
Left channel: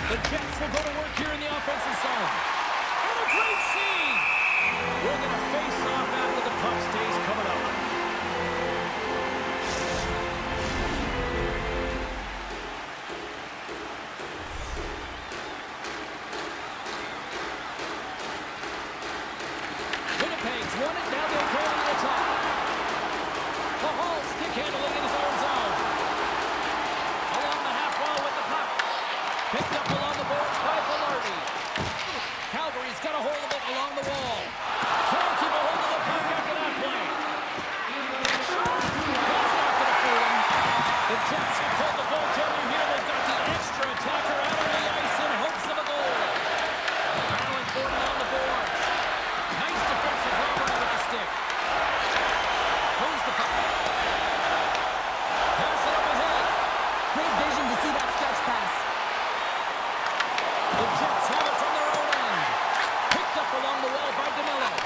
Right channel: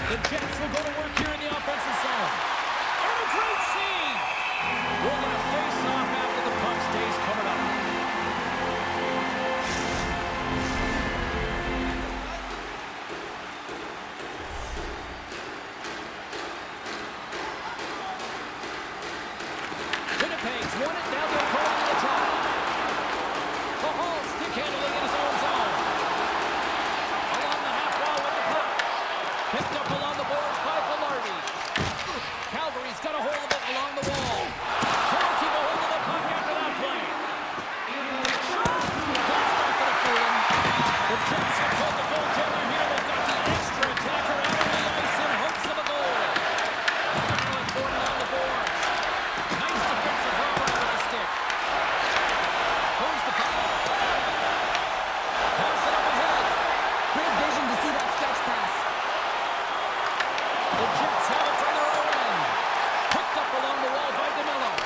The Jets will go to work here in the offensive zone. And a great save! We'll get a face-off after the puck stays covered up. Winnipeg's won it. Now they'll go on the attack. Hall stick handling in his own zone. Along the half wall with the puck. Picked up along the boards by Velarde. Calgary's got a hold of it along the wall. Can't keep a hold of the puck after that play. That's not going to fool him. The Jets have pulled the goaltender here. They've got the extra attacker out on the ice in hopes of a goal. Allen Gordon on the boards. Nice defensive robbery with the stick. Moves the puck. Pass it up ahead. Great vision to see that stretch pass. The Jets have it from their own end. Picked up along the wall by DeMello.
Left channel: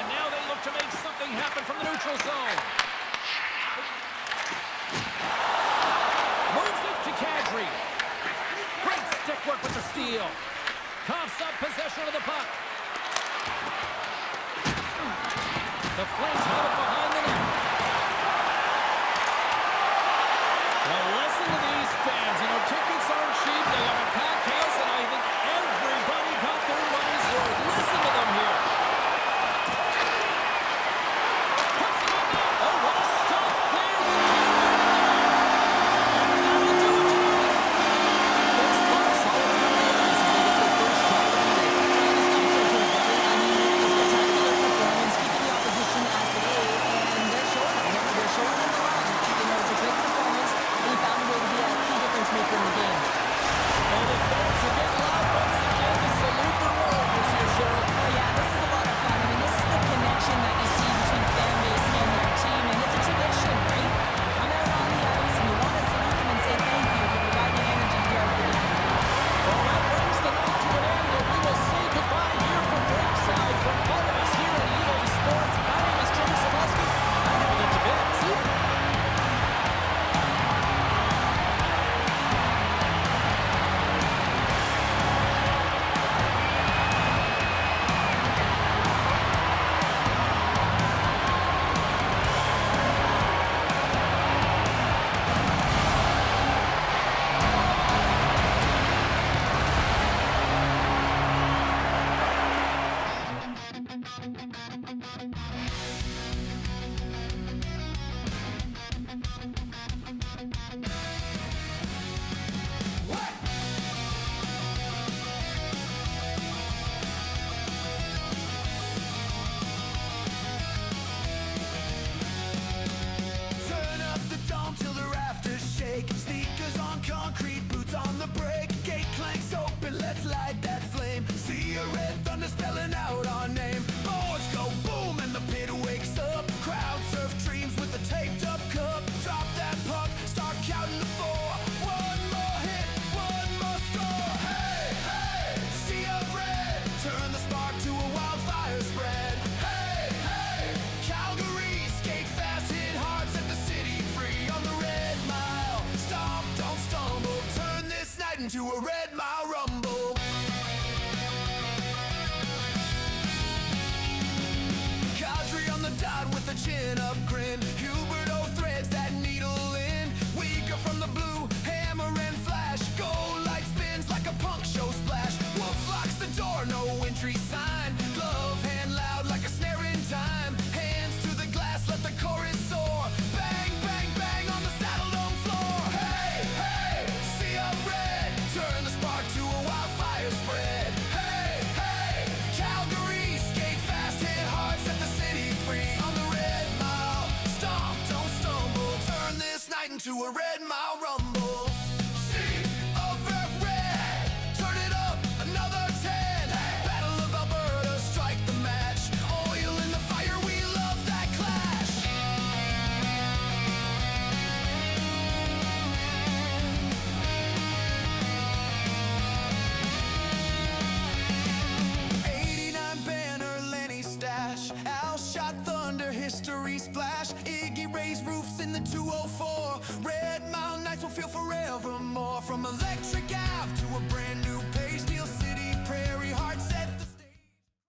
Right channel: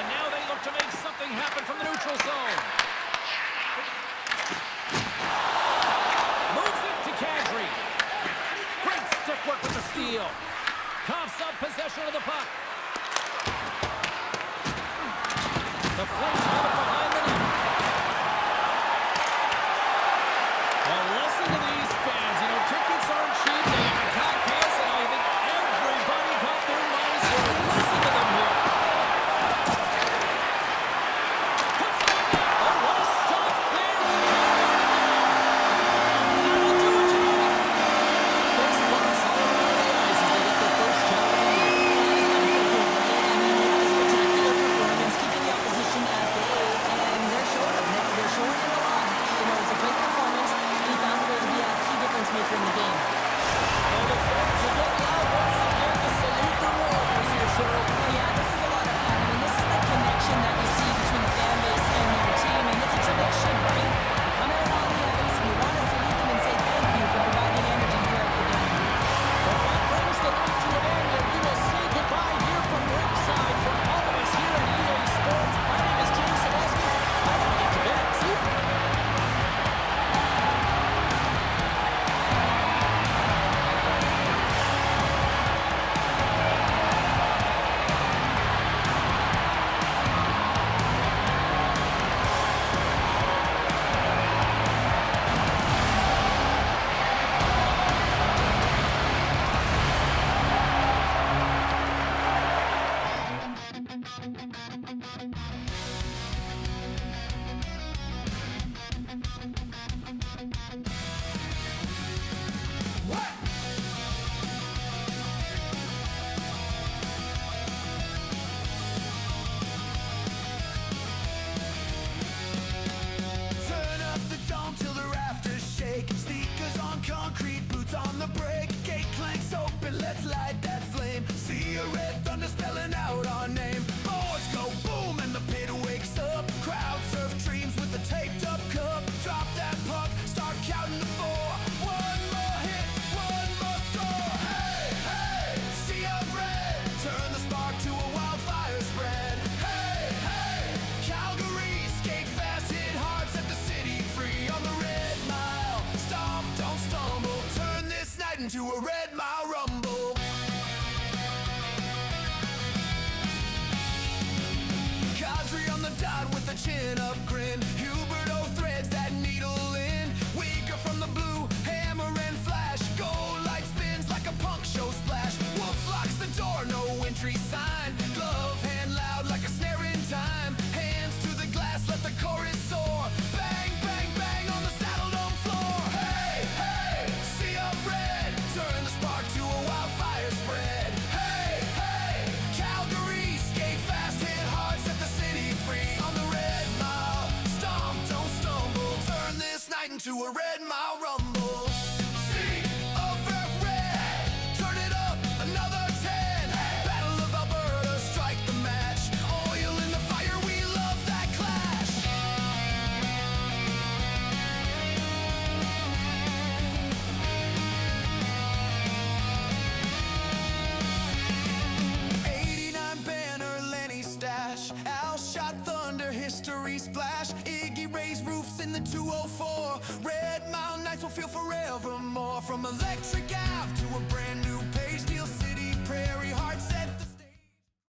And now they look to make something happen from the neutral zone. Moves it to Kadri. Great stick work with the steal. Coughs up possession of the puck. The Flames have it behind the net. Well, listen to these fans. You know, tickets aren't cheap. They got a packed house, and I think everybody got their money's worth. Listen to them here. Puts it on net. Oh, what a stop there. That'll do it tonight. There's marks all around the ice as they get their first shot of the year. He's got to feel good, right? I mean, he had a spectacular performance, keeping the opposition at bay, and they're showing him. They're showing him the run. You know, it's a great performance, and he found a way to be a key difference maker in the game. And the fans will get loud once again to salute the Warriors here, Cheryl. Oh, yeah, this is a lot of fun. I mean, this is the connection that you see between the fan base and their team, and it's a tradition, right? You come out on the ice, and you want to salute them and say thank you for providing energy throughout the game. Well, that brings the night to an end, and we will say goodbye here from ringside from all of us here at EA Sports. My name is James Cebulski. I gotta get to bed. See you. Turn up the dome till the rafters shake. Sneakers on concrete, boots on the brake. Gate clanks open, let's light that flame. See a red thunder spelling out our name. Boards go boom and the pit wakes up. Crowd surf dreams with a taped up cup. Drop that puck, start counting to four. One more hit, one more score. Hey, hey, sea of red. Turn the spark to a wildfire spread. Hey, hey, Calgary, skate fast, hit hard, set the city free on the Red Mile. Stomp, don't stumble, turn this night into a Red Mile rumble. Kadri on the dot with a chin-up grin. Huberto threads that needle in. Weaker from the blue, hammer and flash. Gold light spins like a punk show splash. Wolf locks the door, no entry sign. Glove hand loud like a snare in time. Hands to the glass, let the chorus soar. Bang, bang, bang on the saddle dome floor. Hey, hey, sea of red. Turn the spark to a wildfire spread. Hey, hey, Calgary, skate fast, hit hard, set the city free on the Red Mile. to a Red Mile Rumble. Sea of red, turn it up another 10. Battle of Alberta, strike the match. Oil in the fire, we love that clash. '89 banner, Lenny stash. Al shot thunder, history splash. Iggy raised roofs in the 204. Red Mile Nights will feel forevermore. From Electric Ave to a brand new